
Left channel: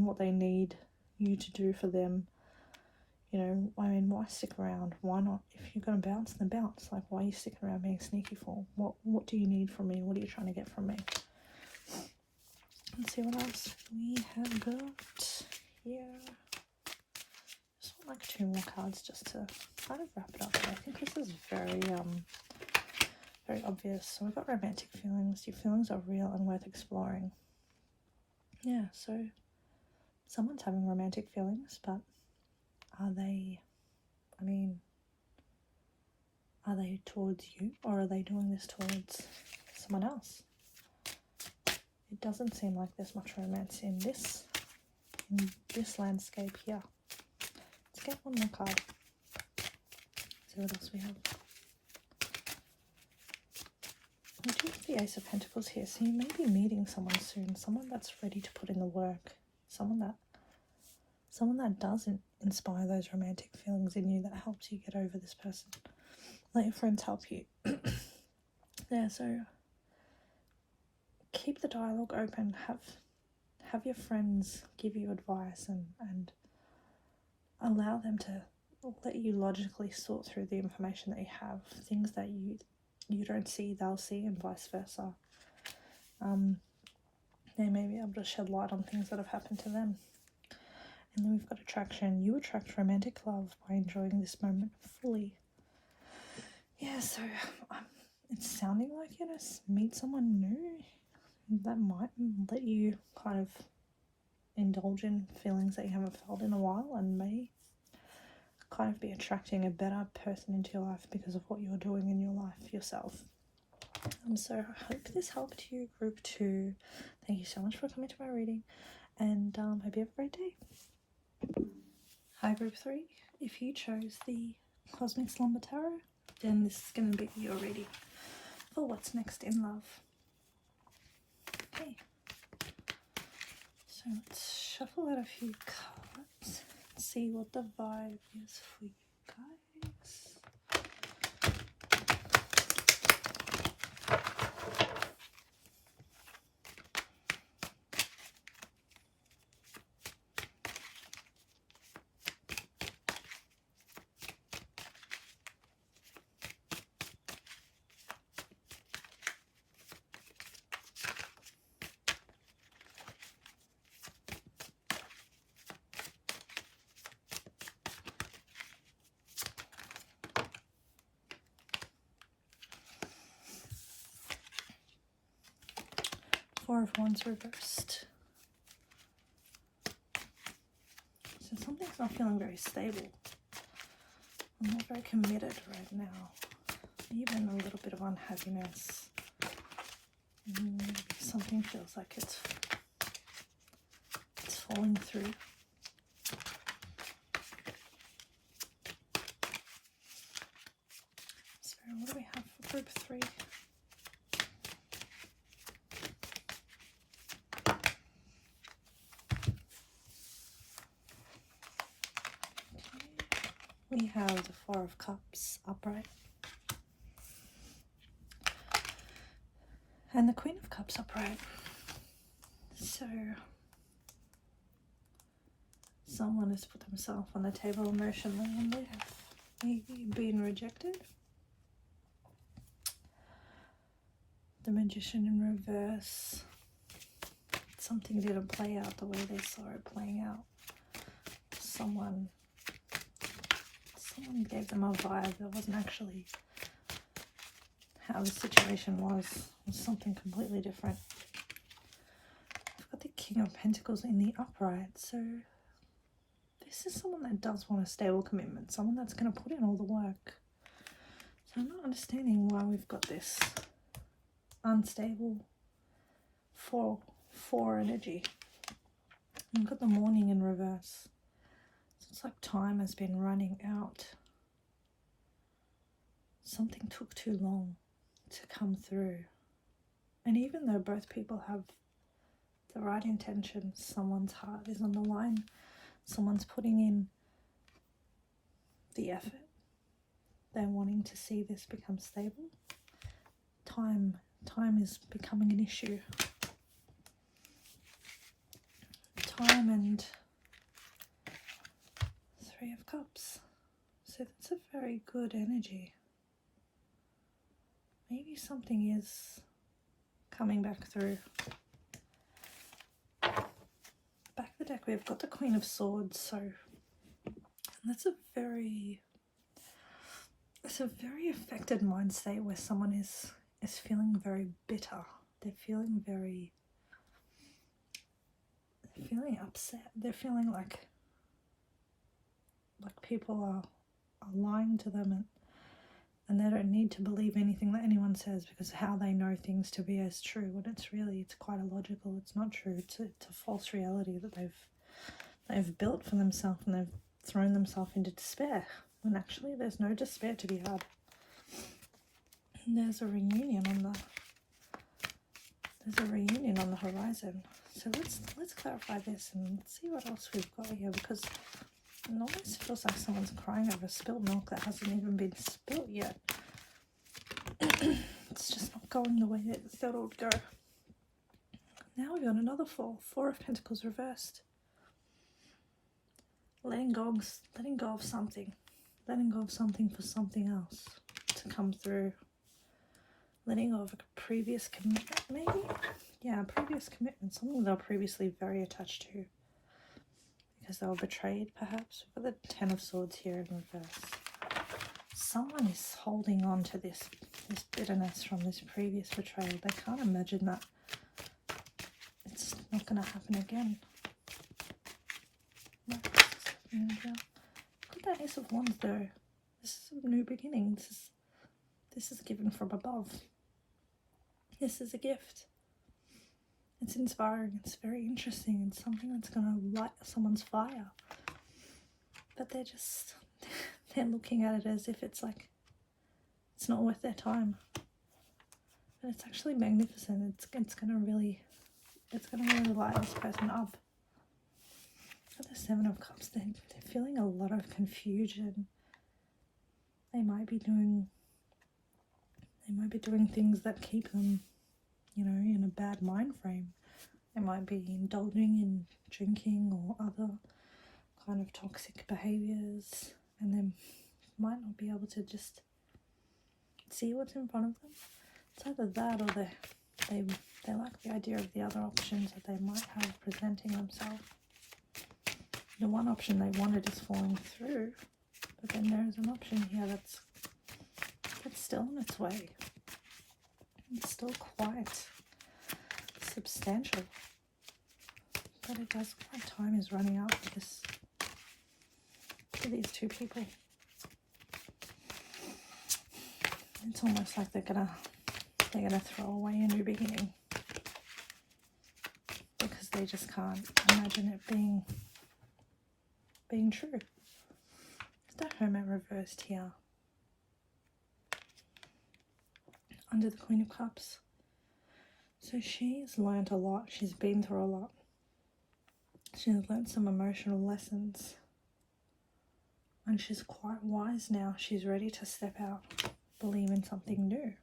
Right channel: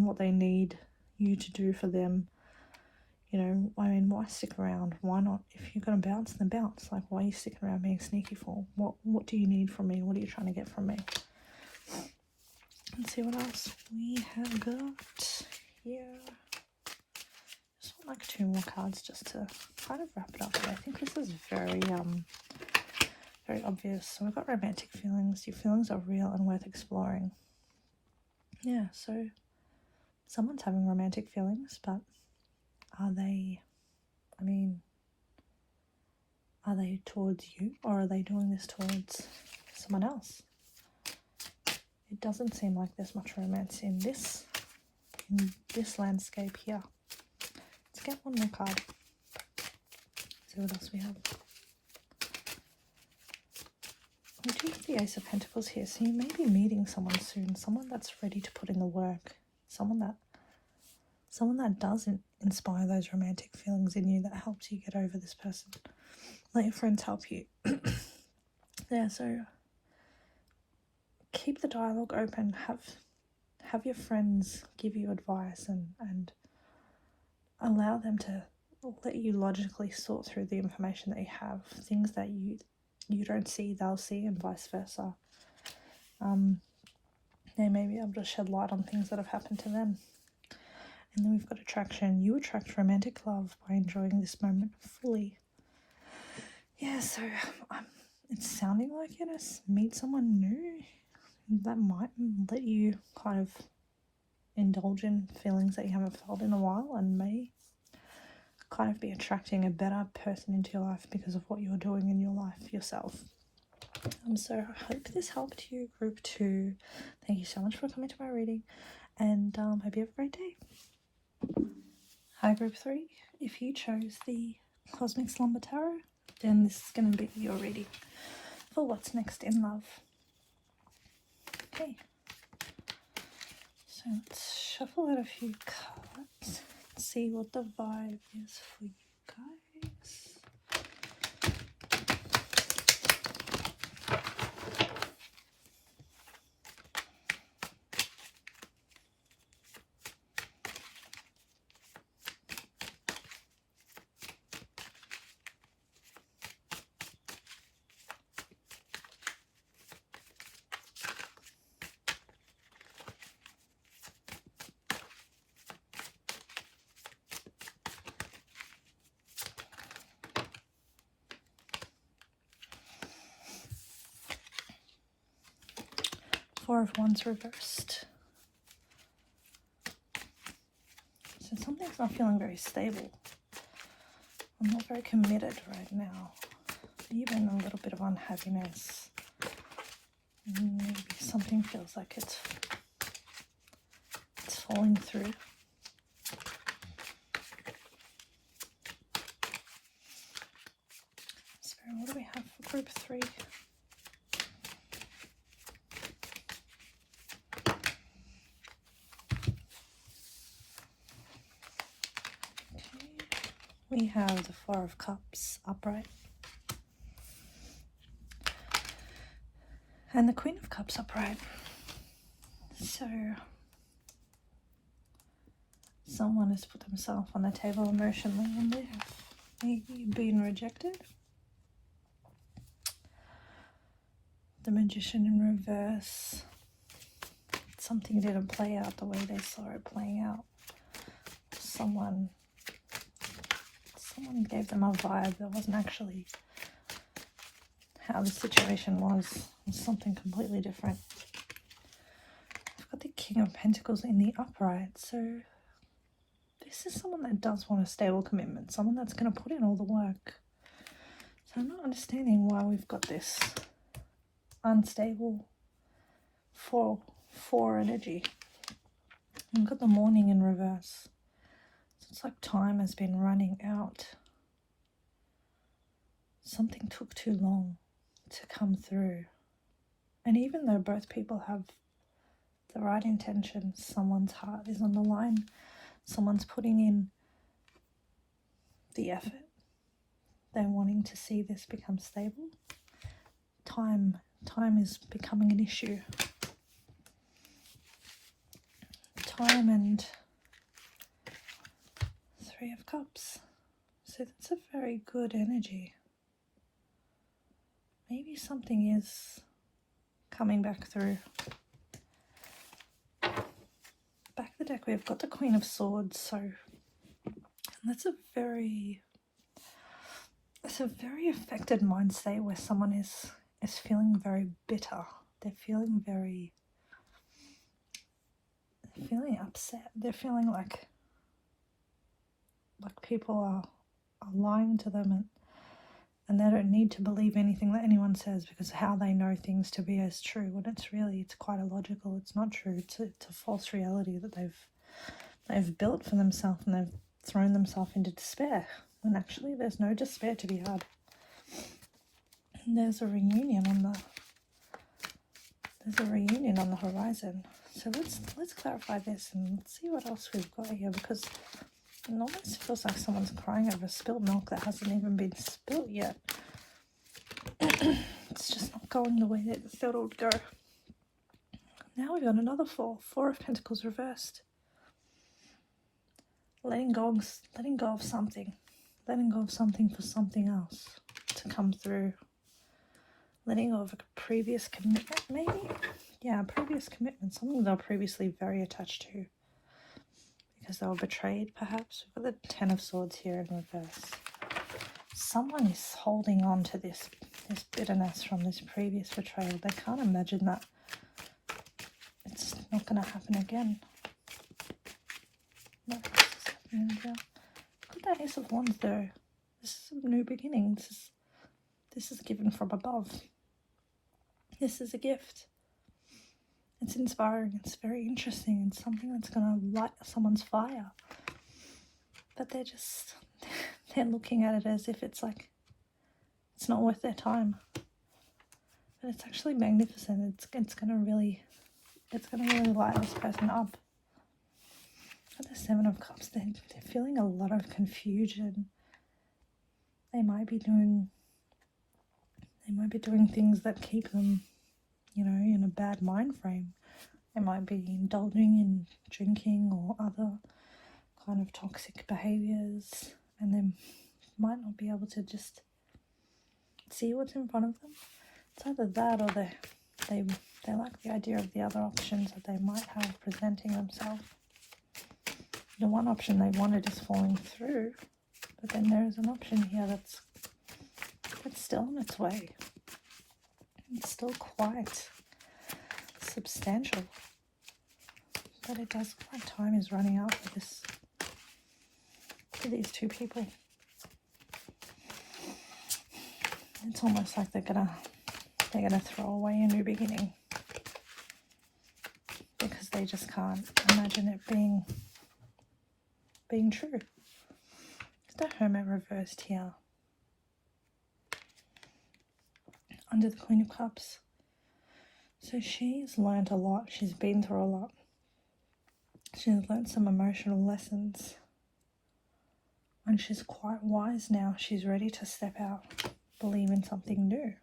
what they need you to do for them. You know, I mean, why stick around? Why not? If you're going to bounce, then bounce. Like, why are you sticking around being sneaky for? What do you need from me? What are you trying to get from me? Let's see what else we have got here. Just want like 2 more cards just to kind of wrap it up. I think this is very obvious. So we've got romantic feelings. Your feelings are real and worth exploring. Yeah, so someone's having romantic feelings, but are they towards you, or are they doing this towards someone else? It doesn't seem like there's much romance in this landscape here. Let's get one more card. See what else we have. We do have the Ace of Pentacles here, so you may be meeting someone soon, someone that's ready to put in the work, someone that doesn't inspire those romantic feelings in you, that helps you get over this person. Let your friends help you. Yeah, so keep the dialogue open. Have your friends give you advice and allow them to let you logically sort through the information that you have. Things that you don't see, they'll see, and vice versa. They may be able to shed light on things that have happened to them. And then we've got attraction. You attract romantic love by enjoying this moment fully. Yeah, so it's sounding like you're going to meet someone new that might let you kind of indulge in feelings that you haven't felt in a while, and may kind of be attracting a better person into your life because of what you're doing in your life yourself. So I hope this helped you, group 2. Thank you so much for coming to my reading, and hope you have a great day. Hi, group 3. If you chose the Cosmic Slumber Tarot, then this is going to be your reading for what's next in love. Okay, so let's shuffle out a few cards, see what the vibe is for you guys. Four of Wands reversed. So something's not feeling very stable. I'm not very committed right now. Even a little bit of unhappiness. Maybe something feels like it's falling through. So what do we have for group 3? We have the Four of Cups upright and the Queen of Cups upright. So someone has put themselves on the table emotionally and they've maybe been rejected. The Magician in reverse. Something didn't play out the way they saw it playing out. Someone gave them a vibe that wasn't actually how the situation was. It was something completely different. I've got the King of Pentacles in the upright, so this is someone that does want a stable commitment, someone that's going to put in all the work. So I'm not understanding why we've got this unstable 4 energy. We've got the Morning in reverse. It's like time has been running out. Something took too long to come through. And even though both people have the right intentions, someone's heart is on the line, someone's putting in the effort, they're wanting to see this become stable. Time is becoming an issue. Time and 3 of Cups. So that's a very good energy. Maybe something is coming back through. Back of the deck we've got the Queen of Swords. So that's a very affected mind state where someone is feeling very bitter. They're feeling upset. They're feeling like people are lying to them and they don't need to believe anything that anyone says because how they know things to be as true, when it's quite illogical. It's not true. It's a false reality that they've built for themselves, and they've thrown themselves into despair when actually there's no despair to be had. And there's a reunion on the horizon. So let's clarify this and let's see what else we've got here, because it almost feels like someone's crying over spilled milk that hasn't even been spilt yet. It's just not going the way that they thought it would go. Now we've got another 4 of Pentacles reversed. Letting go of something. Letting go of something for something else to come through. Letting go of a previous commitment, maybe? Yeah, a previous commitment. Something they were previously very attached to, because they were betrayed, perhaps. We've got the 10 of Swords here in reverse. Someone is holding on to this bitterness from this previous betrayal. They can't imagine that it's not going to happen again. Look at that Ace of Wands though. This is a new beginning. This is given from above. This is a gift. It's inspiring. It's very interesting. It's something that's going to light someone's fire. But they're looking at it as if it's like it's not worth their time. But it's actually magnificent. It's going to really light this person up. At the 7 of Cups, they're feeling a lot of confusion. They might be doing things that keep them, in a bad mind frame. They might be indulging in drinking or other kind of toxic behaviors, and they might not be able to just see what's in front of them. It's either that or they like the idea of the other options that they might have presenting themselves. The one option they wanted is falling through, but then there's an option here that's still on its way. It's still quite substantial. But it does look like time is running out for this, for these two people. It's almost like they're gonna throw away a new beginning because they just can't imagine it being true. There's no Hermit reversed here. Under the Queen of Cups. So she's learned a lot. She's been through a lot. She's learned some emotional lessons. And she's quite wise now. She's ready to step out, believe in something new.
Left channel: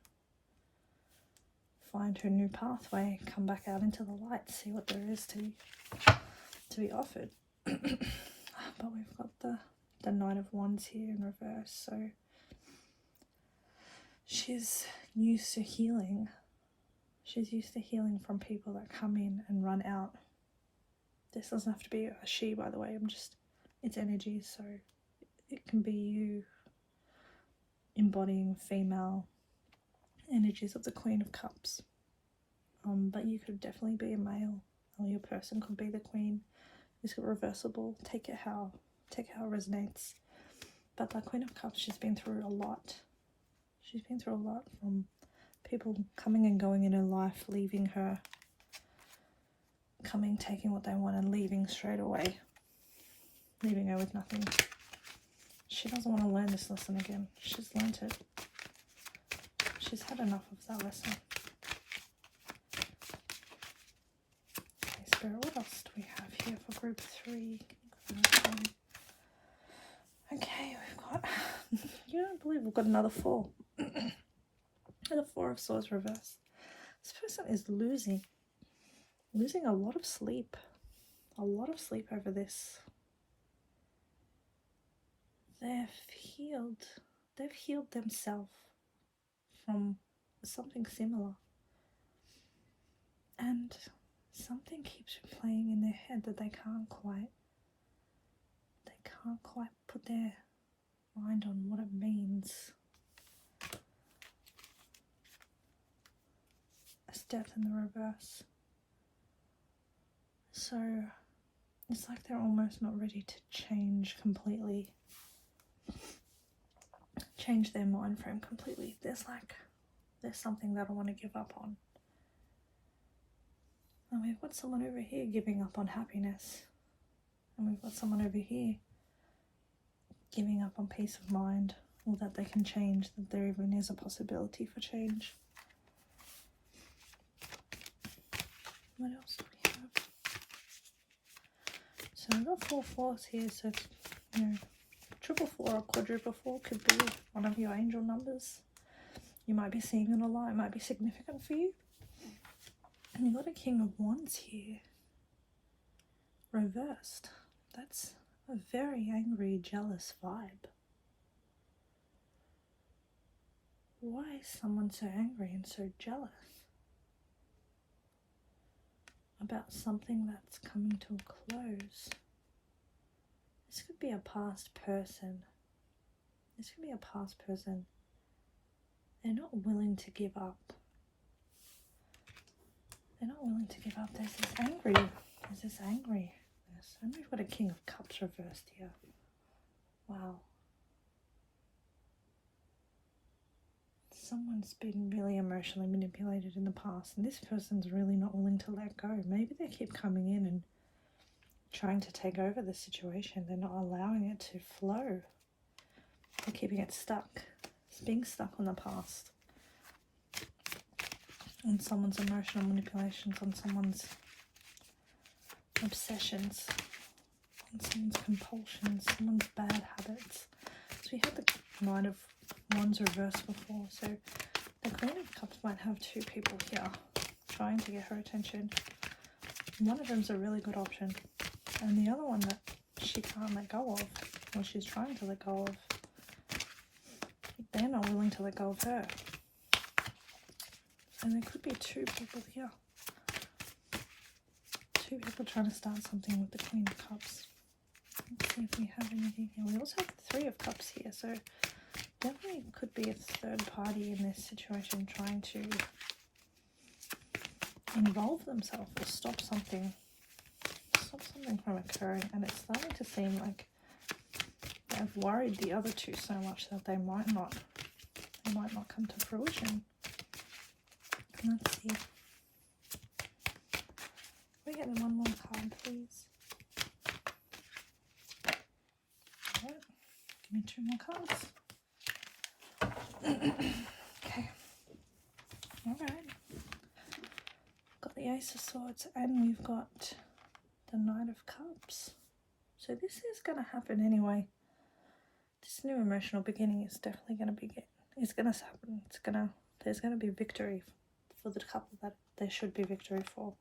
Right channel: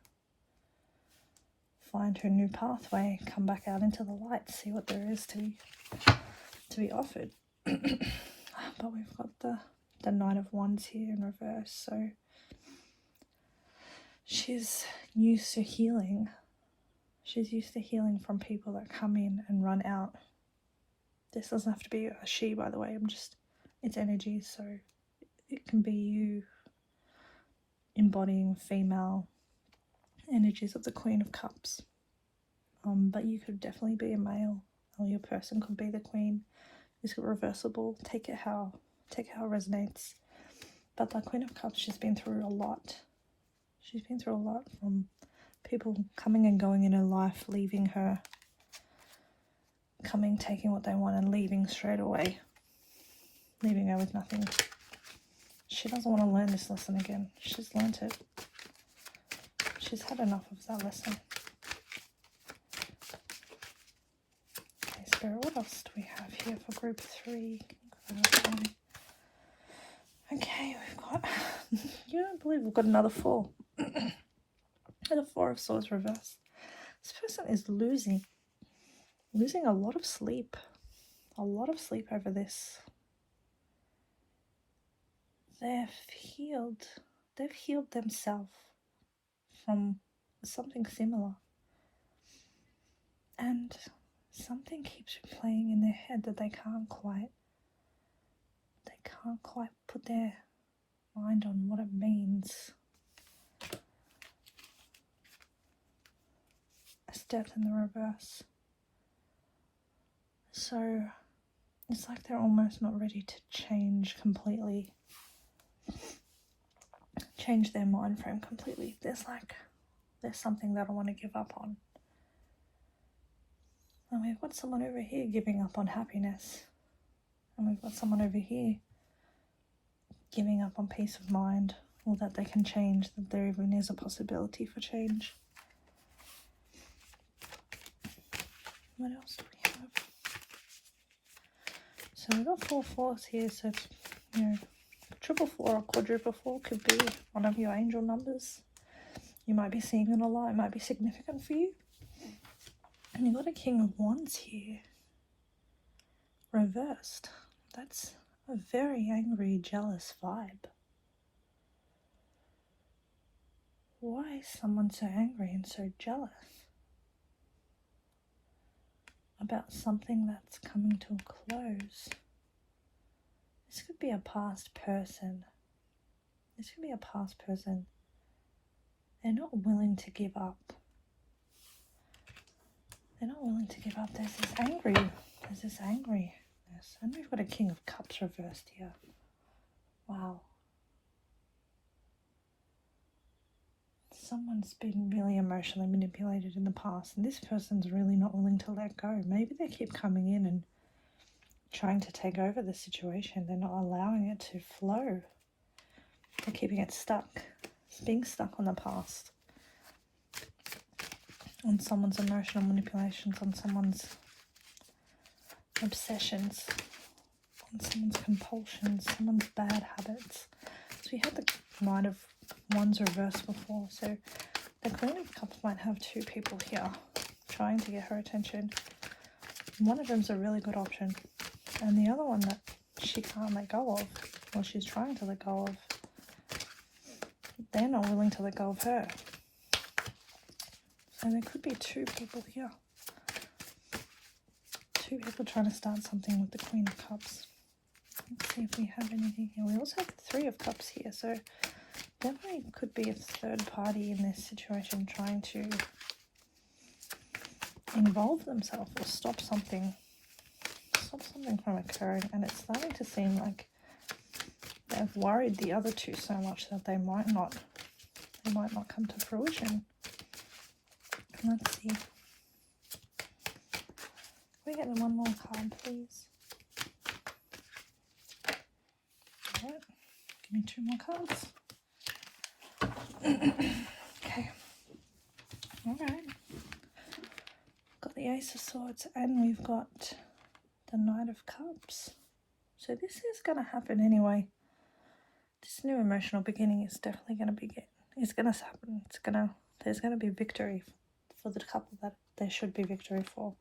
Find her new pathway, come back out into the light, see what there is to be offered. But we've got the Knight of Wands here in reverse, so she's used to healing. She's used to healing from people that come in and run out. This doesn't have to be a she, by the way. It's energy, so it can be you embodying female energies of the Queen of Cups. But you could definitely be a male, or your person could be the Queen. It's reversible. Take it how it resonates. But the Queen of Cups, she's been through a lot. She's been through a lot, from people coming and going in her life, leaving her, coming, taking what they want and leaving straight away, leaving her with nothing. She doesn't want to learn this lesson again. She's learnt it. She's had enough of that lesson. Okay, Spirit, what else do we have here for group 3? Okay, we've got, you don't believe we've got another 4. And the 4 of Swords reversed. This person is losing a lot of sleep. A lot of sleep over this. They've healed themselves from something similar. And something keeps playing in their head that they can't quite put their mind on what it means. It's Death in the reverse. So it's like they're almost not ready to change completely. Change their mind frame completely. There's something that I want to give up on. And we've got someone over here giving up on happiness. And we've got someone over here giving up on peace of mind, or that they can change, that there even is a possibility for change. What else do we have? So we've got 4 4s here, so it's, you know, triple 4 or quadruple 4 could be one of your angel numbers. You might be seeing it a lot. It might be significant for you. And you've got a King of Wands here, reversed. That's a very angry, jealous vibe. Why is someone so angry and so jealous about something that's coming to a close? This could be a past person. They're not willing to give up. There's this angriness. And we've got a King of Cups reversed here. Wow. Someone's been really emotionally manipulated in the past, and this person's really not willing to let go. Maybe they keep coming in and trying to take over the situation. They're not allowing it to flow. They're keeping it stuck. It's being stuck on the past. On someone's emotional manipulations, on someone's obsessions, on someone's compulsions, someone's bad habits. So we had the Knight of Wands reversed before, so the Queen of Cups might have 2 people here trying to get her attention. One of them's a really good option, and the other one that she can't let go of, or she's trying to let go of, they're not willing to let go of her. And there could be 2 people here. 2 people trying to start something with the Queen of Cups. Let's see if we have anything here. We also have the 3 of Cups here, so definitely could be a third party in this situation trying involve themselves or stop something from occurring, and it's starting to seem like they've worried the other two so much that they might not come to fruition. Let's see. Can we get one more card, please? Alright, give me 2 more cards. Okay. Alright. Got the Ace of Swords and we've got the Knight of Cups. So this is going to happen anyway. This new emotional beginning is definitely going to begin. It's going to happen. There's going to be victory for the couple that there should be victory for.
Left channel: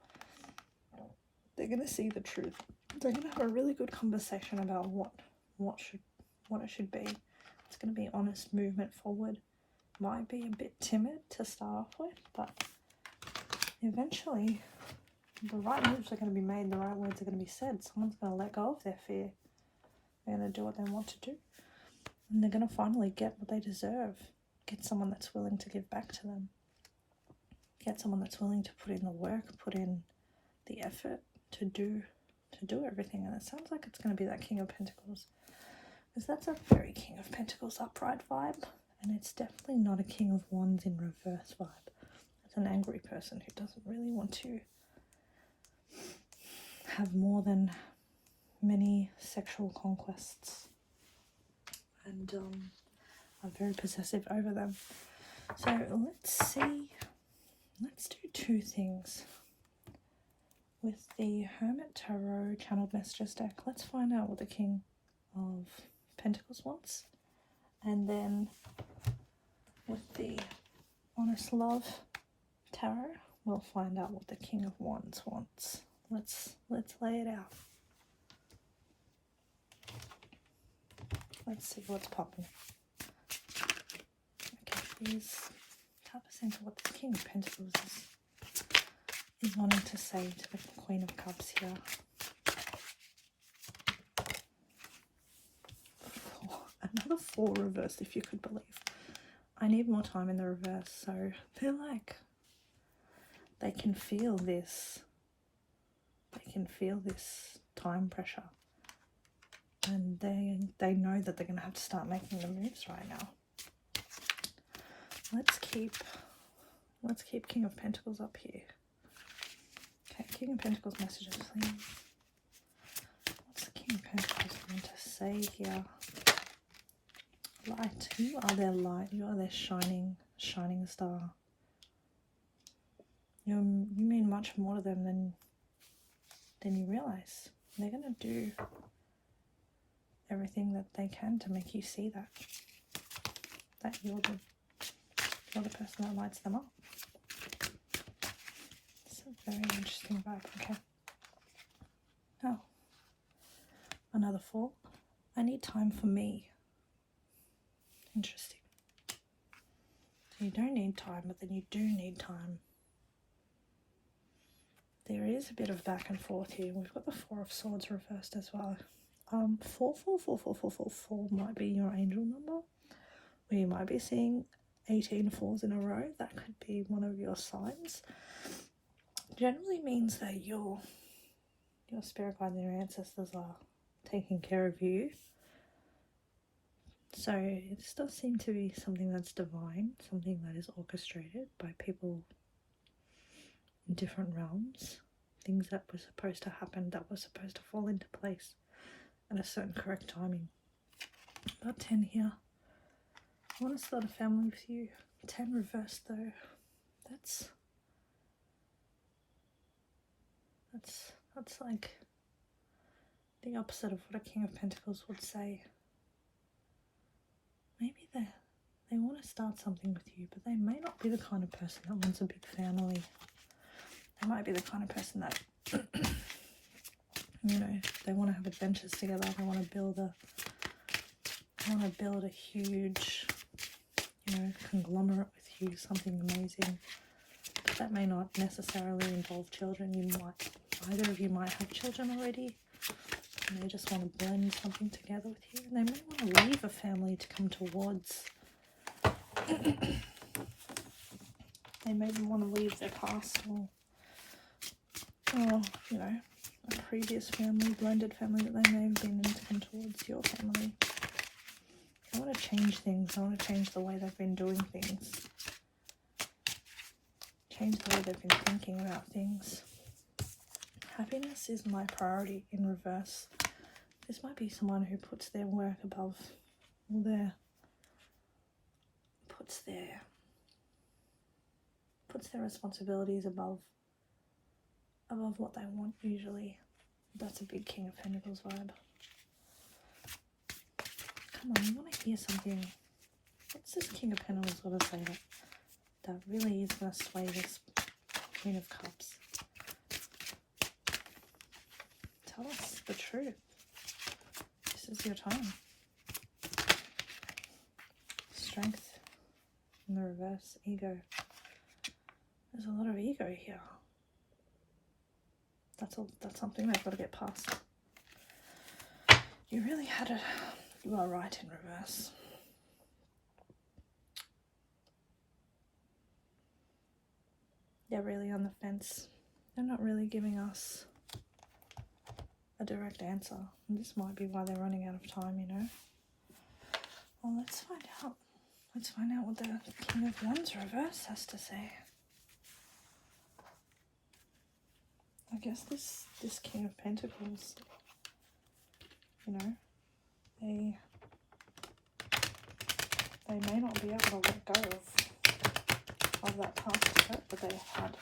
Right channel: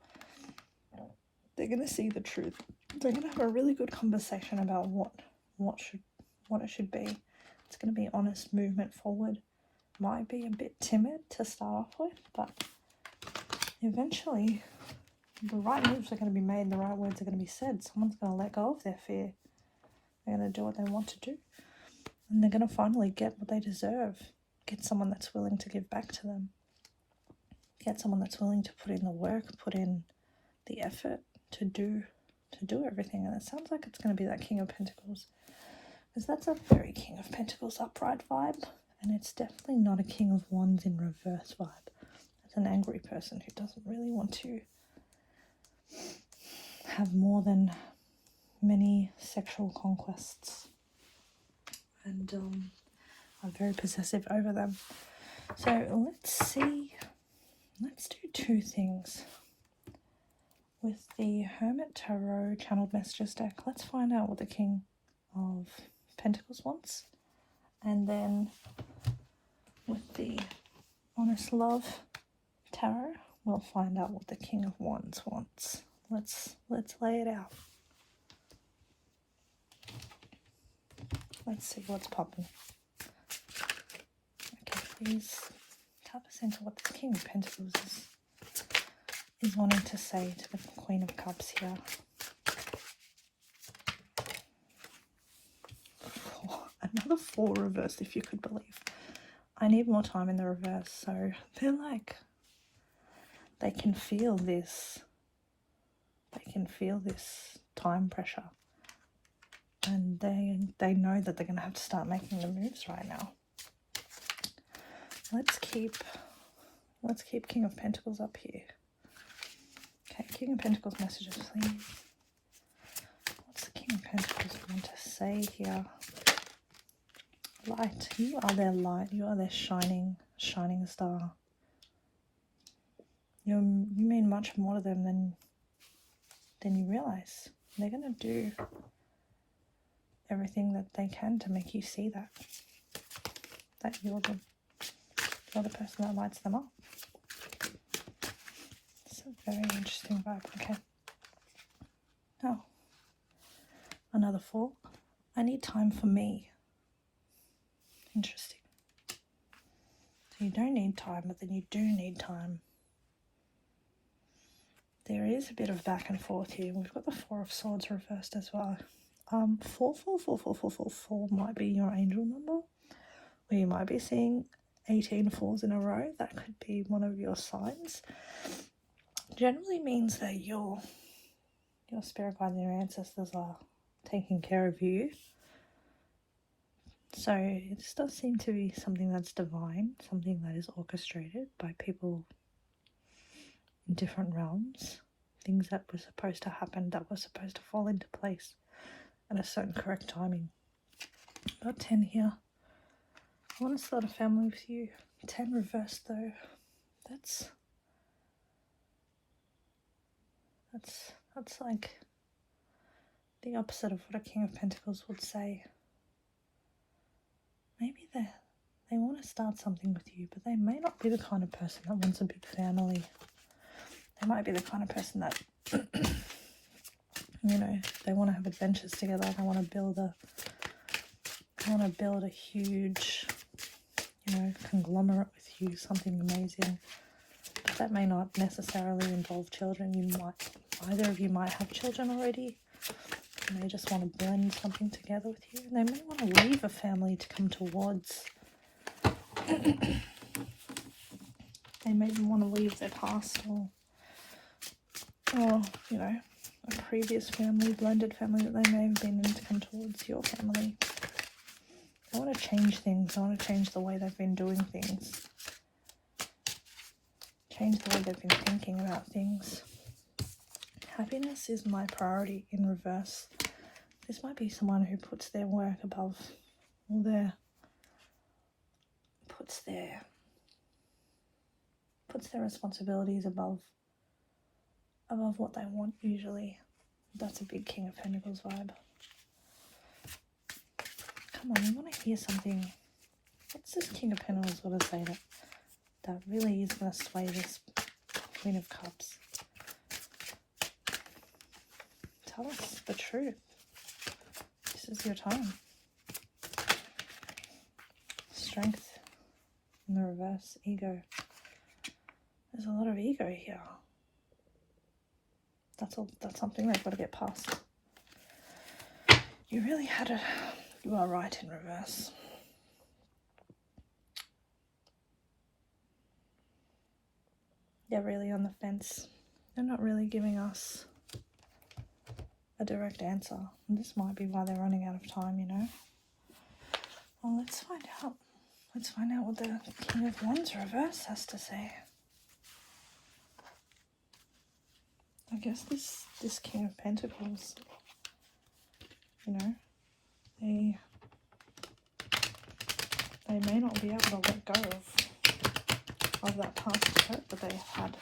They're going to see the truth. They're going to have a really good conversation about what it should be. It's going to be honest movement forward. Might be a bit timid to start off with, but eventually the right moves are going to be made, the right words are going to be said. Someone's going to let go of their fear. They're going to do what they want to do. And they're going to finally get what they deserve. Get someone that's willing to give back to them. Get someone that's willing to put in the work, put in the effort to do everything. And it sounds like it's going to be that King of Pentacles. Because that's a very King of Pentacles upright vibe. And it's definitely not a King of Wands in reverse vibe. It's an angry person who doesn't really want to have more than many sexual conquests. And are very possessive over them. So let's see. Let's do 2 things. With the Hermit Tarot Channeled Messages deck, let's find out what the King of Pentacles wants. And then with the Honest Love Tarot, we'll find out what the King of Wands wants. Let's lay it out. Let's see what's popping. Okay, please tap us into what the King of Pentacles is wanting to say to the Queen of Cups here. Oh, another 4 reversed, if you could believe. I need more time in the reverse, so they're like, they can feel this time pressure. And they know that they're going to have to start making the moves right now. Let's keep King of Pentacles up here. Okay, King of Pentacles messages, please. What's the King of Pentacles going to say here? Light. You are their light. You are their shining star. You mean much more to them than you realize. They're going to do everything that they can to make you see that you're the person that lights them up. It's a very interesting vibe. Okay. Now, another 4. I need time for me. Interesting. You don't need time, but then you do need time. There is a bit of back and forth here. We've got the 4 of Swords reversed as well. 4 might be your angel number, or you might be seeing 18 4s in a row. That could be one of your signs. Generally means that your spirit guides and your ancestors are taking care of you. So this does seem to be something that's divine, something that is orchestrated by people in different realms. Things that were supposed to happen, that were supposed to fall into place at a certain correct timing. Got 10 here. I want to start a family with you. 10 reversed though. That's like the opposite of what a King of Pentacles would say. Maybe they want to start something with you, but they may not be the kind of person that wants a big family. They might be the kind of person that they want to have adventures together. They want to build a huge, conglomerate with you, something amazing. That may not necessarily involve children. Either of you might have children already, and they just want to blend something together with you. And they may want to leave a family to come towards. They maybe want to leave their past, or or, you know, a previous family, blended family that they may have been in, and towards your family. I want to change things. I want to change the way they've been doing things. Change the way they've been thinking about things. Happiness is my priority in reverse. This might be someone who puts their work above all their, puts their responsibilities above what they want usually. That's a big King of Pentacles vibe. Come on, you want to hear something. What's this King of Pentacles going to say that really is going to sway this Queen of Cups? Tell us the truth. This is your time. Strength in the reverse, ego. There's a lot of ego here. That's something I've got to get past. You really had it. You are right in reverse. They're really on the fence. They're not really giving us a direct answer. And this might be why they're running out of time, you know. Well, let's find out. Let's find out what the King of Wands reverse has to say. I guess this King of Pentacles, you know, they may not be able to let go of that past hurt that they had,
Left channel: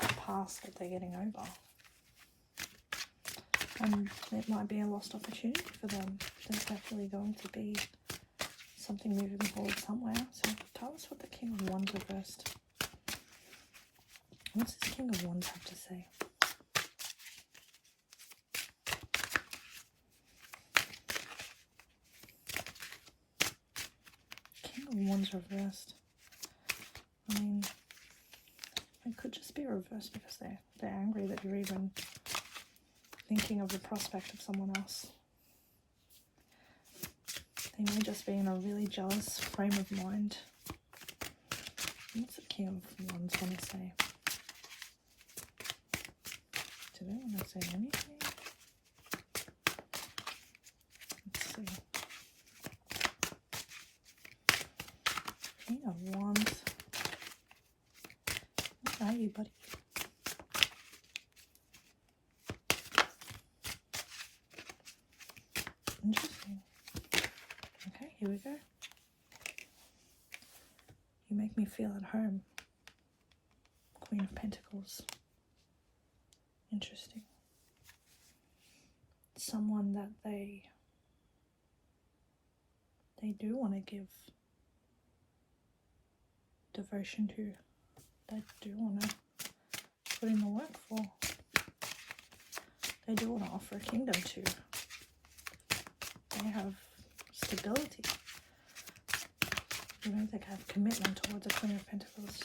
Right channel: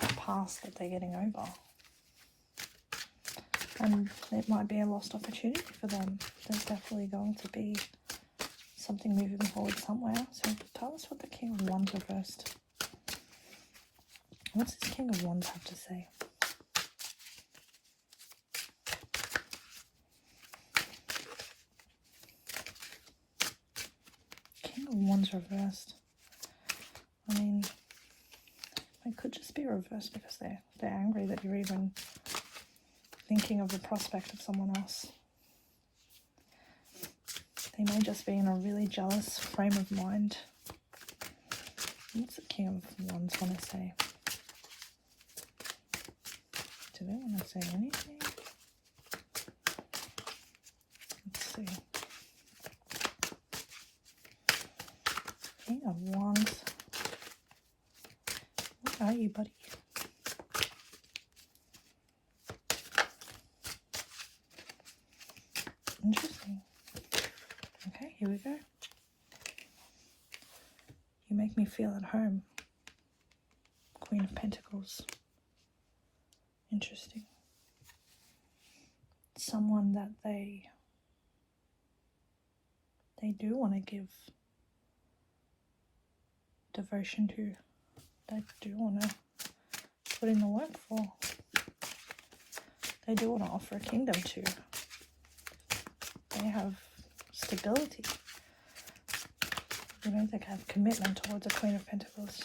that past that they're getting over. And it might be a lost opportunity for them. There's definitely going to be something moving forward somewhere. So tell us what the King of Wands reversed. What's this King of Wands have to say? King of Wands reversed. I mean, it could just be reversed because they're angry that you're even thinking of the prospect of someone else. They may just be in a really jealous frame of mind. What's the King of Wands want to say? Do they want to say anything? Let's see. King of Wands. Where are you, buddy? Interesting. Okay, here we go. You make me feel at home. Queen of Pentacles. Interesting. Someone that they do want to give devotion to. They do want to put in the work for. They do want to offer a kingdom to. They have stability. You know, they have commitment towards a Queen of Pentacles.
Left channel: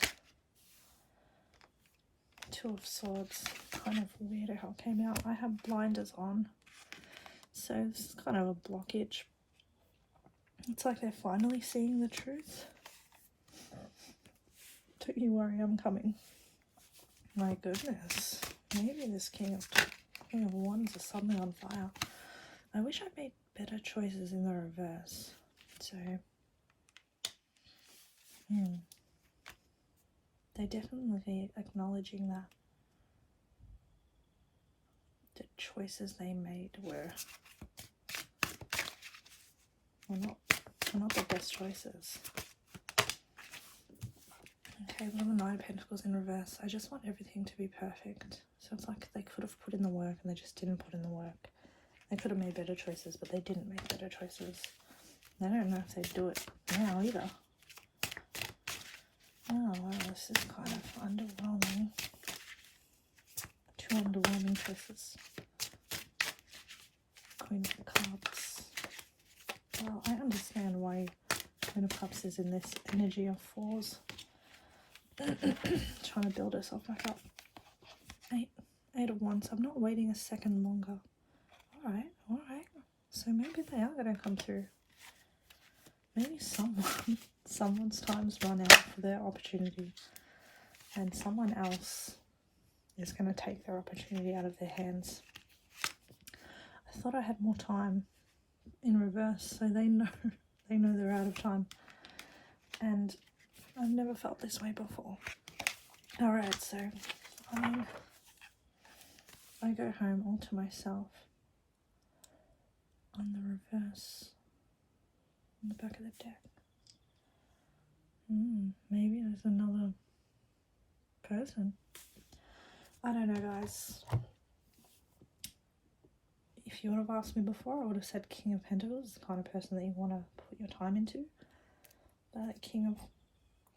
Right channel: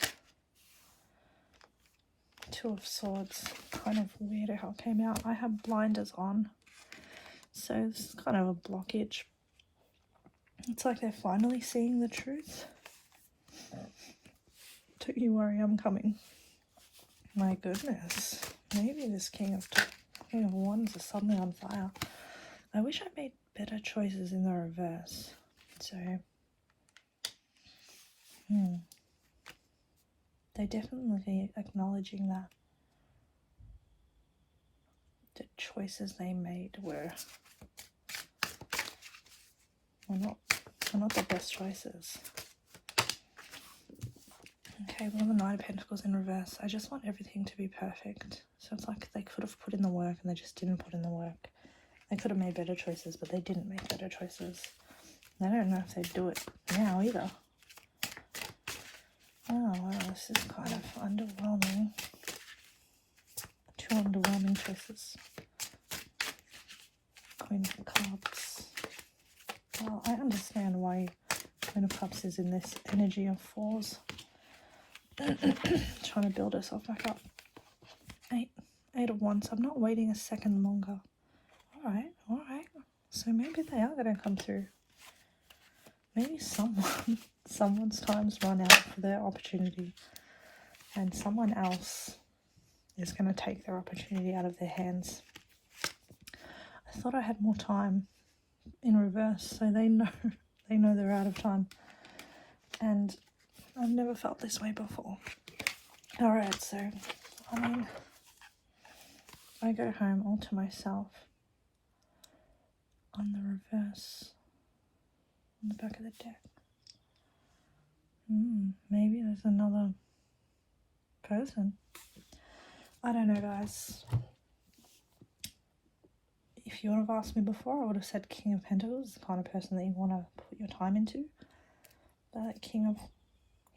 Two of Swords. Kind of weird how it came out. I have blinders on, so it's kind of a blockage. It's like they're finally seeing the truth. Don't you worry, I'm coming. My goodness. Maybe this King of Wands is suddenly on fire. I wish I made better choices in the reverse. So, they definitely acknowledging that the choices they made were not the best choices. Okay, well, the Knight of Pentacles in reverse. I just want everything to be perfect. So it's like they could have put in the work and they just didn't put in the work. They could have made better choices, but they didn't make better choices. I don't know if they'd do it now either. Oh, well, this is kind of underwhelming. Two underwhelming choices. Queen of Cups. Well, I understand why Queen of Cups is in this energy of fours. Trying to build herself back up. Eight of Wands. I'm not waiting a second longer. Alright. So maybe they are going to come through. Maybe someone's time's run out for their opportunity. And someone else is going to take their opportunity out of their hands. I thought I had more time in reverse, so they know they're out of time, and I've never felt this way before. Alright, so I go home all to myself on the reverse on the back of the deck. Maybe there's another person. I don't know, guys. If you would have asked me before, I would have said King of Pentacles, the kind of person that you want to put your time into. But King of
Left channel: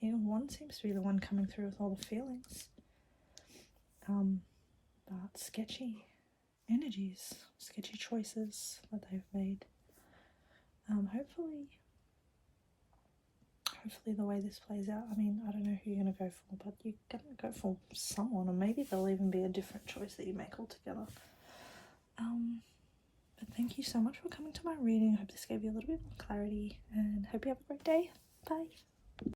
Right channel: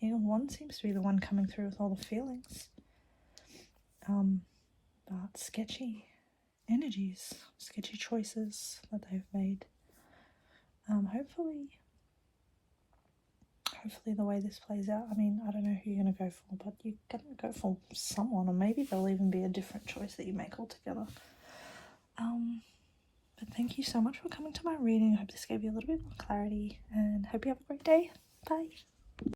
Wands seems to be the one coming through with all the feelings. But sketchy energies, sketchy choices that they've made. Hopefully the way this plays out, I mean, I don't know who you're going to go for, but you're going to go for someone, or maybe there'll even be a different choice that you make altogether. But thank you so much for coming to my reading. I hope this gave you a little bit more clarity, and hope you have a great day. Bye.